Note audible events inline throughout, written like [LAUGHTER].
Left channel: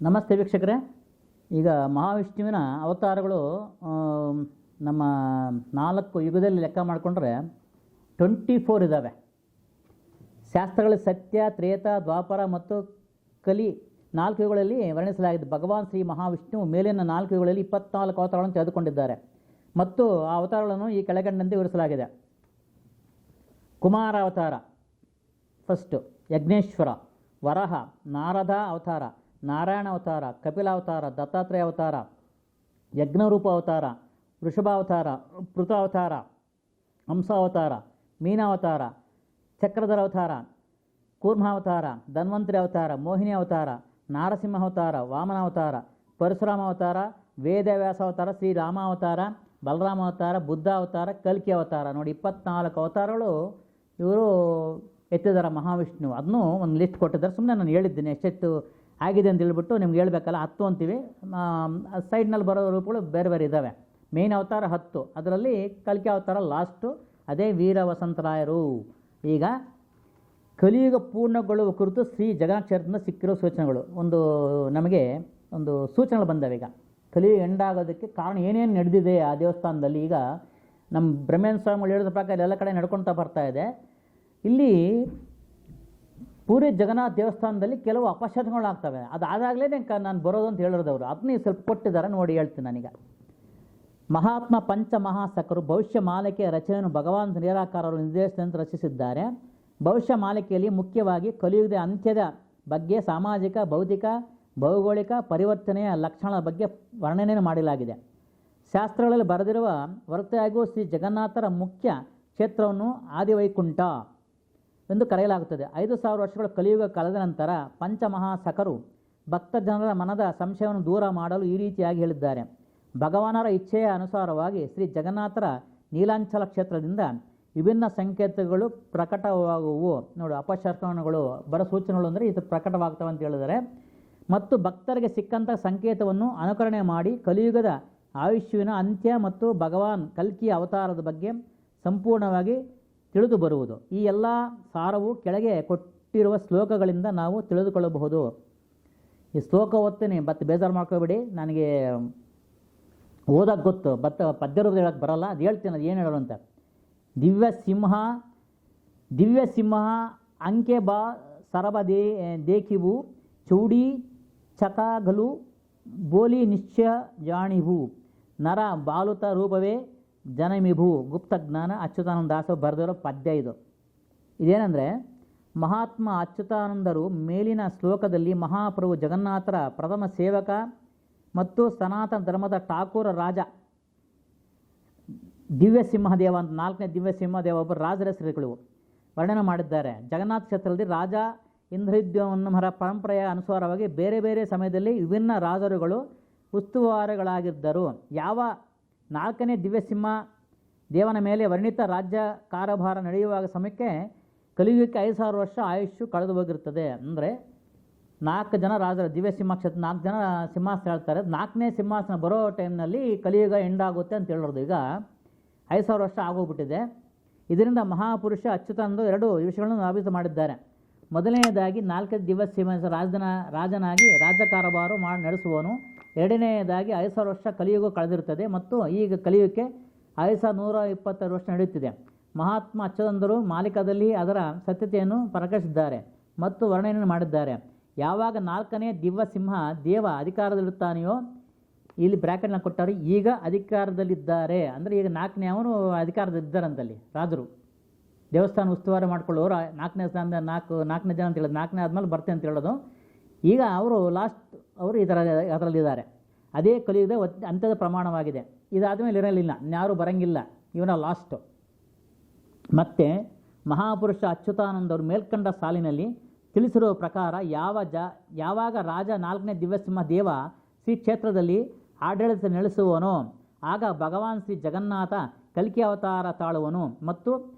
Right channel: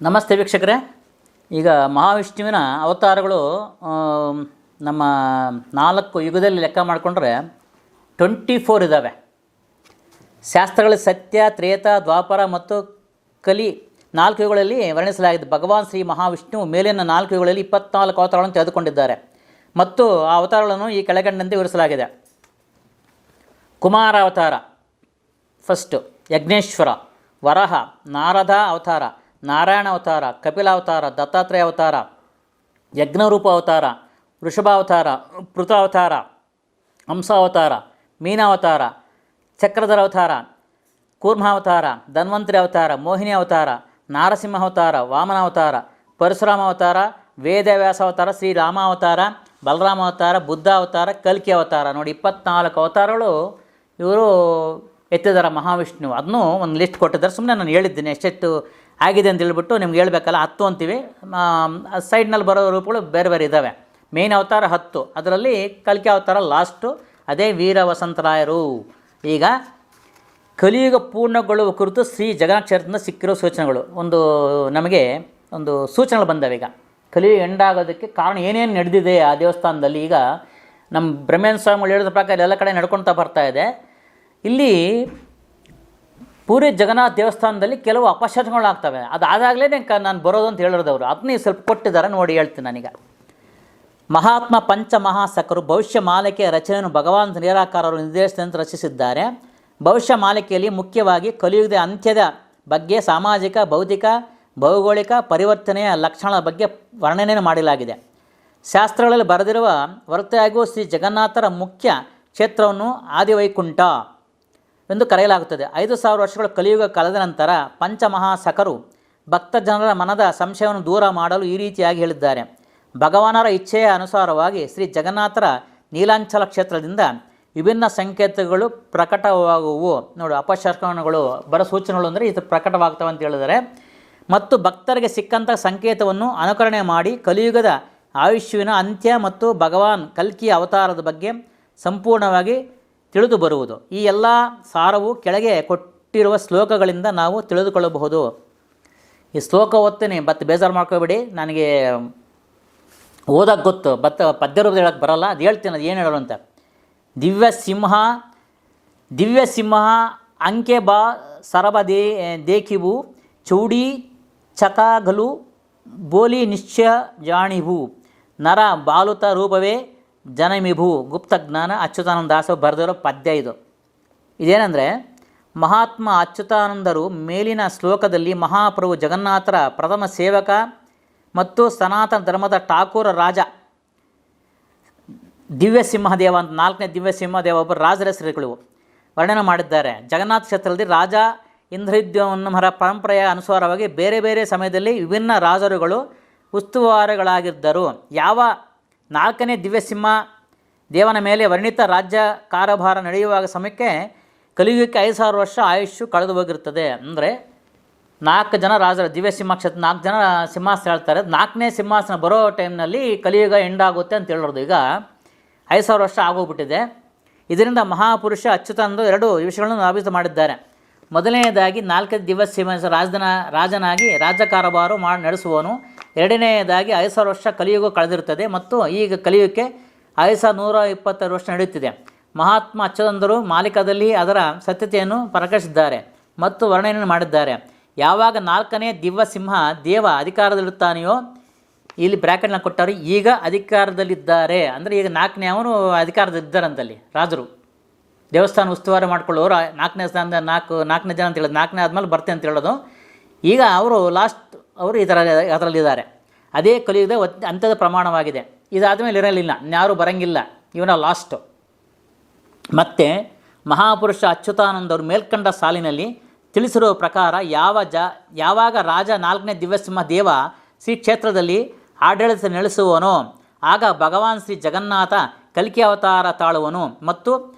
ನಮಸ್ತೆ ವೀಕ್ಷಕರೇ. ಈಗ ಮಹಾವಿಷ್ಣುವಿನ ಅವತಾರಗಳು ನಮ್ಮ ನಾಲ್ಕು ಯುಗದಲ್ಲಿ ಲೆಕ್ಕ ಮಾಡಿಕೊಂಡ್ರೆ ಟ್ವೆಂಟಿ ಫೋರ್ ಇದ್ದಾವೆ ಶಾಸ್ತ್ರಗಳ ಸತ್ಯ, ತ್ರೇತ, ದ್ವಾಪರ ಮತ್ತು ಕಲಿ ನಾಲ್ಕು ಯುಗಗಳಲ್ಲಿ ವರ್ಣಿಸಲಾಗಿದೆ. ಭಗವಾನ್ ಶ್ರೀ ಮಹಾವಿಷ್ಣು ಮೇಲಿನ ನಾಲ್ಕು ಯುಗಗಳಲ್ಲಿ ಇಪ್ಪತ್ನಾಲ್ಕು ಅವತಾರಗಳನ್ನು ತೆಗೆದುಕೊಂಡಿದ್ದಾರೆ. ಮತ್ತು ಆ ಅವತಾರಗಳನ್ನು ಈ ಕೆಳಗಂಡಂತೆ ವಿವರಿಸಲಾಗಿದೆ. ಕುಮಾರ ಅವತಾರ ಫಸ್ಟು ಯಜ್ಞೇಶ್ವರ, ವರಹ, ನಾರದ ಅವತಾರ ನಾರಾಯಣ ಅವತಾರ, ಕಪಿಲ ಅವತಾರ, ದತ್ತಾತ್ರೇಯ ಅವತಾರ, ಯಜ್ಞರೂಪ ಅವತಾರ ವೃಷಭಾವತಾರ ಪೃಥಾವತಾರ ಹಂಸಾವತಾರ ಮೀನಾವತಾರ ಚಕ್ರಧರ ಅವತಾರ ಕೂರ್ಮಾವತಾರ ಧನ್ವಂತರಿ ಅವತಾರ, ಮೋಹಿನಿ ಅವತಾರ, ನಾರಸಿಂಹ ಅವತಾರ, ವಾಮನ ಅವತಾರ, ಪರಶುರಾಮ ಅವತಾರ, ವೇದವ್ಯಾಸ ಅವತಾರ, ಶ್ರೀರಾಮ ಅವತಾರ, ಬಲರಾಮ ಅವತಾರ, ಬುದ್ಧ ಅವತಾರ, ಕಲ್ಕಿ ಅವತಾರ. ನೋಡಿ, ಇಪ್ಪತ್ನಾಲ್ಕು ಅವತಾರಗಳು ಇವರು ಎತ್ತಿದ್ದಾರೆ ಮಹಾವಿಷ್ಣು ಅದನ್ನು ಒಂದು ಲಿಸ್ಟ್ ಕೊಟ್ಟಿದ್ದಾರೆ. ಸುಮ್ಮನೆ ನಾನು ಹೇಳಿದ್ದೀನಿ ಎಷ್ಟೆಷ್ಟು ಆಗಿದೆ ಅಂತ ಹೇಳ್ಬಿಟ್ಟು ನಿಮ್ಗೆ ಹೇಳಬೇಕಲ್ಲ, ಹತ್ತು ಅಂತೀವಿ. ಸೈಡ್ನಲ್ಲಿ ಬರೋ ರೂಪಗಳು ಬೇರೆ ಬೇರೆ ಇದ್ದಾವೆ ಮೇನ್ ಅವತಾರ ಹತ್ತು. ಅದರಲ್ಲಿ ಕಲಿಕೆ ಅವತಾರ ಲಾಸ್ಟು ಅದೇ ವೀರ ವಸಂತರಾಯರು. ಈಗ ಕಲಿಯುಗ ಪೂರ್ಣಗೊಳ್ಳುವ ಕುರಿತು ಶ್ರೀ ಜಗನ್ನಾಥದಿಂದ ಸಿಕ್ಕಿರೋ ಸೂಚನೆಗಳು. ಒಂದು, ನಮಗೆ ಒಂದು ಸೂಚನೆಗಳು ಬಂದವೆ ಈಗ. ಕಲಿಯುಗ ಎಂಡಾಗೋದಕ್ಕೆ ಕಾರಣ ಏನೇನು ನಡೆದಿದೆ ಆ ದೇವಸ್ಥಾನದಲ್ಲಿ ಈಗ ನಮ್ಮ ಬ್ರಹ್ಮೇಂದ್ರ ಸ್ವಾಮಿಗಳು ಹೇಳಿದ ಪ್ರಕಾರ ಎಲ್ಲ ಕಡೆ ನಡ್ಕೊಳ್ತಾ ಬರ್ತಾ ಇದೆ. ಇಲ್ಲಿ ಪೂರಿ ಜಗನ್ನಾಥ ದೇವಸ್ಥಾನದಲ್ಲಿ ಕೆಲವು ಅಪಶಕನಗಳಾಗ್ತವೆ. ಅದಾದಾಗಲೇ ನಾನು ಬರೋದು ಅಂತ ಹೇಳಿರೋದು ಅವರು ಅದನ್ನೇ ಸ್ವಲ್ಪ ಕೊಟ್ಟಿದ್ದಾರೆ, ನೋಡಿ ಹೇಳ್ತೀನಿ ನನಗೆ. ಮಹಾತ್ಮ ಪಂಚಮಹಾಸಕರು ಭವಿಷ್ಯ ಮಾಲಿಕೆಯ ರಚನೆಯನ್ನು ಭಗವಾನ್ ನಿರಾಕಾರರು ನಿರ್ದೇಶನ ರಚಿಸಿದ್ದಾರೆ. ಭವಿಷ್ಯ ಮಾಲಿಕೆಯಲ್ಲಿ ಮುಖ್ಯವಾಗಿ ಕಲಿಯುಗದ ಅಂತ್ಯದ ಬಗ್ಗೆ ಸಾಮಾಜಿಕ ಭೌತಿಕ ಭೌಗೋಳಿಕ ಪರಿವರ್ತನೆಯ ಲಕ್ಷಣಗಳ ಬಗ್ಗೆ ವರ್ಣನೆಯನ್ನು ಮಾಡಲಾಗಿದೆ. ಶಾಸ್ತ್ರಗಳಲ್ಲಿ ಬರೆದಿರುವ ಹೊರತಾಗಿಯೂ ಶ್ರೀ ಜಗನ್ನಾಥರ ಮುಖ್ಯ ಕ್ಷೇತ್ರವನ್ನು ಆದಿವೈಕುಂಠ ಎಂದು ಕರೆಯಲಾಗುತ್ತದೆ. ಐದು ಸಾವಿರ ವರ್ಷಗಳ ಕಲಿಯುಗ ಕಳೆದ ನಂತರ ಪಂಚಮಹಾಸಕರು ಭಕ್ತ ಜನರ ಮನದ ಸಂಶಯವನ್ನು ದೂರ ಮಾಡಲು ಈ ರೀತಿಯಾಗಿ ಹೇಳಿದ್ದಾರೆ. ಭಗವಾನರ ಇಚ್ಛೆಯ ಅನುಸಾರವಾಗಿ ಶ್ರೀ ಜಗನ್ನಾಥರ ನೀಲಾಂಚಲ ಕ್ಷೇತ್ರದಿಂದ ವಿಭಿನ್ನ ಸಂಕೇತಗಳು ಪ್ರಕಟವಾಗುವು. ನೋಡು ಅಪಶರ್ಕಣಗಳು ಬರ ಸೂಚನೆಗಳು ಅಂದರೆ ಇದು ಪ್ರಕಟವಾಗ್ತವೆ ಅಂತ ಹೇಳಿದರೆ ಮತ್ತು ಭಕ್ತರಿಗೆ ಸಿಕ್ಕಂಥ ಸಂಕೇತವನ್ನು ಅನುಕರಣೆ ಮಾಡಿ ಕಲಿಯುಗದ ಆಯುಷ್ಯವಿನ ಅಂತ್ಯ ಮತ್ತು ಭಗವಾನ್ ಕಲ್ಕಿಯ ಅವತಾರದ ಬಗ್ಗೆ ಸಂಪೂರ್ಣವಾಗಿ ತಿಳಿದು ಬರುವುದು. ಈ ಎಲ್ಲ ಸಾರವು ಕೆಳಗೆ ಕೊಟ್ಟಿರುವ ಶ್ಲೋಕಗಳಿಂದ ನಾವು ತಿಳಿದುಕೊಳ್ಳಬಹುದು. ಈ ಶ್ಲೋಕ ಓದ್ತೀನಿ, ಬತ್ ಬೇಜಾರು ಮಾಡ್ಕೋಬೇಡಿ. ನನಗೆ ಓದಕ್ಕೆ ಗೊತ್ತು ಬತ್ತ ಪದ್ಯ ರೂಪದಲ್ಲಿ ಹೇಳಕ್ಕೆ ಬರಲ್ಲ. ಅದು ಹೇಳ್ತೀನಿ, ಅದು ಏನು ಹೇಳೋರು ಅಂತ. ದಿವ್ಯ ಸಿಂಹ ದಿವ್ಯ ಸಿಂಹ, ಅಂಕೆ ಬಾ, ಸರಬ ದೇ, ದೇಖಿವು, ಚೌಡಿ, ಚಕಾಗಲು, ಬೋಲಿ ನಿಶ್ಚಯ ಜಾಣಿವು, ನರ ಬಾಲುತ ರೂಪವೇ ಜನಮಿಭು ಗುಪ್ತ ಜ್ಞಾನ ಅಚ್ಯುತಾನಂದ ದಾಸ ಬರೆದಿರೋ ಪದ್ಯ ಇದು. ಇದೇನೆಂದರೆ, ಮಹಾತ್ಮ ಅಚ್ಯುತಾನಂದರು ಮೇಲಿನ ಶ್ಲೋಕದಲ್ಲಿ ಮಹಾಪ್ರಭು ಜಗನ್ನಾಥರ ಪ್ರಥಮ ಸೇವಕ ಮತ್ತು ಸನಾತನ ಧರ್ಮದ ಠಾಕೂರ ರಾಜ. ದಿವ್ಯ ಸಿಂಹದೇವ ಅಂತ ನಾಲ್ಕನೇ ದಿವ್ಯ ಸಿಂಹದೇವ ಒಬ್ಬರು ರಾಜರ ಹೆಸರುಗಳು ವರ್ಣನೆ ಮಾಡಿದ್ದಾರೆ. ಜಗನ್ನಾಥ ಕ್ಷೇತ್ರದಲ್ಲಿ ರಾಜ ಇಂದ್ರದ್ಯುಮ್ನರ ಪರಂಪರೆಯ ಅನುಸಾರವಾಗಿ ಬೇರೆ ಬೇರೆ ಸಮಯದಲ್ಲಿ ವಿಭಿನ್ನ ರಾಜರುಗಳು ಉಸ್ತುವಾರಿಗಳಾಗಿದ್ದರು. ಯಾವ ನಾಲ್ಕನೇ ದಿವ್ಯಸಿಂಹ, ದೇವನ ಮೇಲೆ ವರ್ಣಿತ ರಾಜ್ಯ ಕಾರಭಾರ ನಡೆಯುವಾಗ ಸಮಯಕ್ಕೆ ಕಲಿಯುಗಕ್ಕೆ ಐದು ಸಾವಿರ ವರ್ಷ ಆಯುಷ್ಯು ಕಳೆದು ಹೋಗಿರ್ತದೆ ಅಂದರೆ ನಾಲ್ಕು ಜನ ರಾಜರ ದಿವ್ಯ ಕ್ಷೇತ್ರ, ನಾಲ್ಕು ಜನ ಸಿಂಹಾಸನ ಹೇಳ್ತಾರೆ. ನಾಲ್ಕನೇ ಸಿಂಹಾಸನ ಬರೋ ಟೈಮ್ನಲ್ಲಿ ಕಲಿಯುಗ ಎಂಡಾಗುತ್ತೆ ಅಂತ ಹೇಳೋದು. ಈಗ ಐದು ಸಾವಿರ ವರ್ಷ ಆಗೋಗ್ಬಿಟ್ಟಿದೆ. ಇದರಿಂದ ಮಹಾಪುರುಷ ಅಚ್ಯುತಾನಂದ ಎರಡು ವಿಷಯಗಳನ್ನು ನಾವಿತ ಮಾಡಿದ್ದಾರೆ. ಮೊದಲನೆಯದಾಗಿ ನಾಲ್ಕನೇ ದಿವಸ ರಾಜನ ರಾಜನಾಗಿ ರಾಜಕಾರಬಾರು ಮಾಡಿ ನಡೆಸುವವನು. ಎರಡನೆಯದಾಗಿ ಐದು ಸಾವಿರ ವರ್ಷ ಕಲಿಯುಗ ಕಳೆದಿರುತ್ತದೆ ಮತ್ತು ಈಗ ಕಲಿಯುಗಕ್ಕೆ ಐದು ಸಾವಿರದ ನೂರ ಇಪ್ಪತ್ತಾರು ವರ್ಷ ನಡೆಯುತ್ತಿದೆ. ಮಹಾತ್ಮ ಅಚ್ಚದಂದರು ಮಾಲಿಕದಲ್ಲಿ ಅದರ ಸತ್ಯತೆಯನ್ನು ಪ್ರಕಟಿಸಿದ್ದಾರೆ ಮತ್ತು ವರ್ಣನೆಯನ್ನು ಮಾಡಿದ್ದಾರೆ. ಯಾವಾಗ ನಾಲ್ಕನೇ ದಿವ್ಯ ಸಿಂಹ ದೇವ ಅಧಿಕಾರದಲ್ಲಿರುತ್ತಾನೆಯೋ ಇಲ್ಲಿ ಬ್ರ್ಯಾಕೆಟ್ನ ಕೊಟ್ಟವರು ಈಗ ಅಧಿಕಾರದಲ್ಲಿದ್ದಾರೆ. ಅಂದರೆ ಈಗ ನಾಲ್ಕನೇ ಅವನು ಅಧಿಕಾರದಲ್ಲಿದ್ದಾರಂತಲ್ಲಿ ರಾಜರು. ದೇವಸ್ಥಾನ ಉಸ್ತುವಾರಿ ಮಾಡ್ಕೊಳ್ಳೋರು ನಾಲ್ಕನೇ ಸ್ಥಾನದ ನಾಲ್ಕು, ನಾಲ್ಕನೇ ಜನ ಅಂತ ಹೇಳೋದು ನಾಲ್ಕನೇ ಆದಮೇಲೆ ಬರ್ತೆ ಅಂತ ಹೇಳೋದು. ಈಗ ಅವರು ಲಾಸ್ಟ್ ಅವರು ಈ ಥರ ಅದರಲ್ಲಿದ್ದಾರೆ. ಅದೇ ಕಲಿಯುಗದ ಅಂತ್ಯದ ಪ್ರಮಾಣವಾಗಿದೆ. ಇದಾದಮೇಲೆ ಇರಲಿಲ್ಲ. ಯಾರೂ ಬರಂಗಿಲ್ಲ. ಇವನ ಲಾಸ್ಟು ಮತ್ತು ಮಹಾಪುರುಷ ಅಚ್ಯುತಾನಂದವರು ಮೇಲ್ಕಂಡ ಸಾಲಿನಲ್ಲಿ ತಿಳಿಸಿರುವ ಪ್ರಕಾರ ಯಾವ ಜ, ಯಾವಾಗ ರಾಜ ನಾಲ್ಕನೇ ದಿವ್ಯಸಿಂಹ ದೇವ ಶ್ರೀ ಕ್ಷೇತ್ರದಲ್ಲಿ ಆಡಳಿತ ನಡೆಸುವನೋ, ಆಗ ಭಗವಾನ್ ಶ್ರೀ ಜಗನ್ನಾಥ ಕಲ್ಕಿ ಅವತಾರ ತಾಳುವನು ಮತ್ತು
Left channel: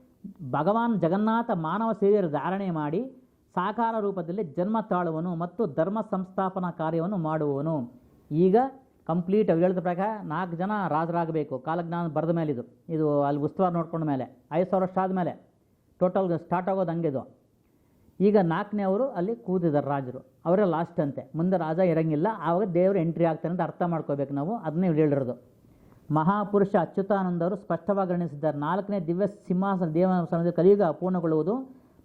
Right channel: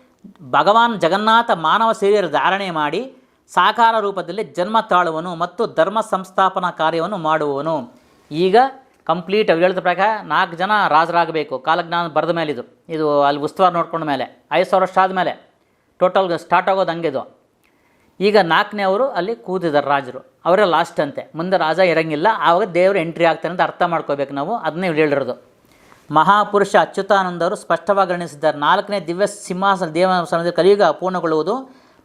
ಭಗವಾನ್ ಜಗನ್ನಾಥ ಮಾನವ ಶರೀರ ಧಾರಣೆ ಮಾಡಿ ಸಾಕಾರ ರೂಪದಲ್ಲಿ ಜನ್ಮ ತಾಳುವನು ಮತ್ತು ಧರ್ಮ ಸಂಸ್ಥಾಪನಾ ಕಾರ್ಯವನ್ನು ಮಾಡುವನು. ಈಗ ಕಂಪ್ಲೀಟ್ ಅವ್ರು ಹೇಳಿದ ಪ್ರಕಾರ ನಾಲ್ಕು ಜನ ರಾಜರಾಗಬೇಕು. ಕಾಲಜ್ಞಾನ ಬರೆದ ಮೇಲೆ ಇದು. ಇದು ಅಲ್ಲಿ ಉಸ್ತುವಾರಿ ನೋಡ್ಕೊಂಡ ಮೇಲೆ. ಐದು ಸಾವಿರ ವರ್ಷ ಆದಮೇಲೆ ಟೋಟಲ್ ಸ್ಟಾರ್ಟ್ ಆಗೋದು ಹಂಗೆ ಇದು. ಈಗ ನಾಲ್ಕನೇ ಅವರು ಅಲ್ಲಿ ಕೂತಿದ್ದಾರೆ ರಾಜರು. ಅವರೇ ಲಾಸ್ಟ್ ಅಂತೆ. ಮುಂದೆ ರಾಜ ಇರಂಗಿಲ್ಲ. ಆವಾಗ ದೇವರು ಎಂಟ್ರಿ ಆಗ್ತಾನೆ ಅಂತ ಅರ್ಥ ಮಾಡ್ಕೋಬೇಕು ನಾವು. ಅದನ್ನೇ ಹೇಳಿರೋದು. ಮಹಾಪುರುಷ ಅಚ್ಯುತಾನಂದರು ಸ್ಪಷ್ಟವಾಗಿ ಗಣಿಸಿದ್ದಾರೆ ನಾಲ್ಕನೇ ದಿವ್ಯ ಸಿಂಹಾಸನ ದೇವಸ್ಥಾನದಲ್ಲಿ ಕಲಿಯುಗ ಪೂರ್ಣಗೊಳ್ಳುವುದು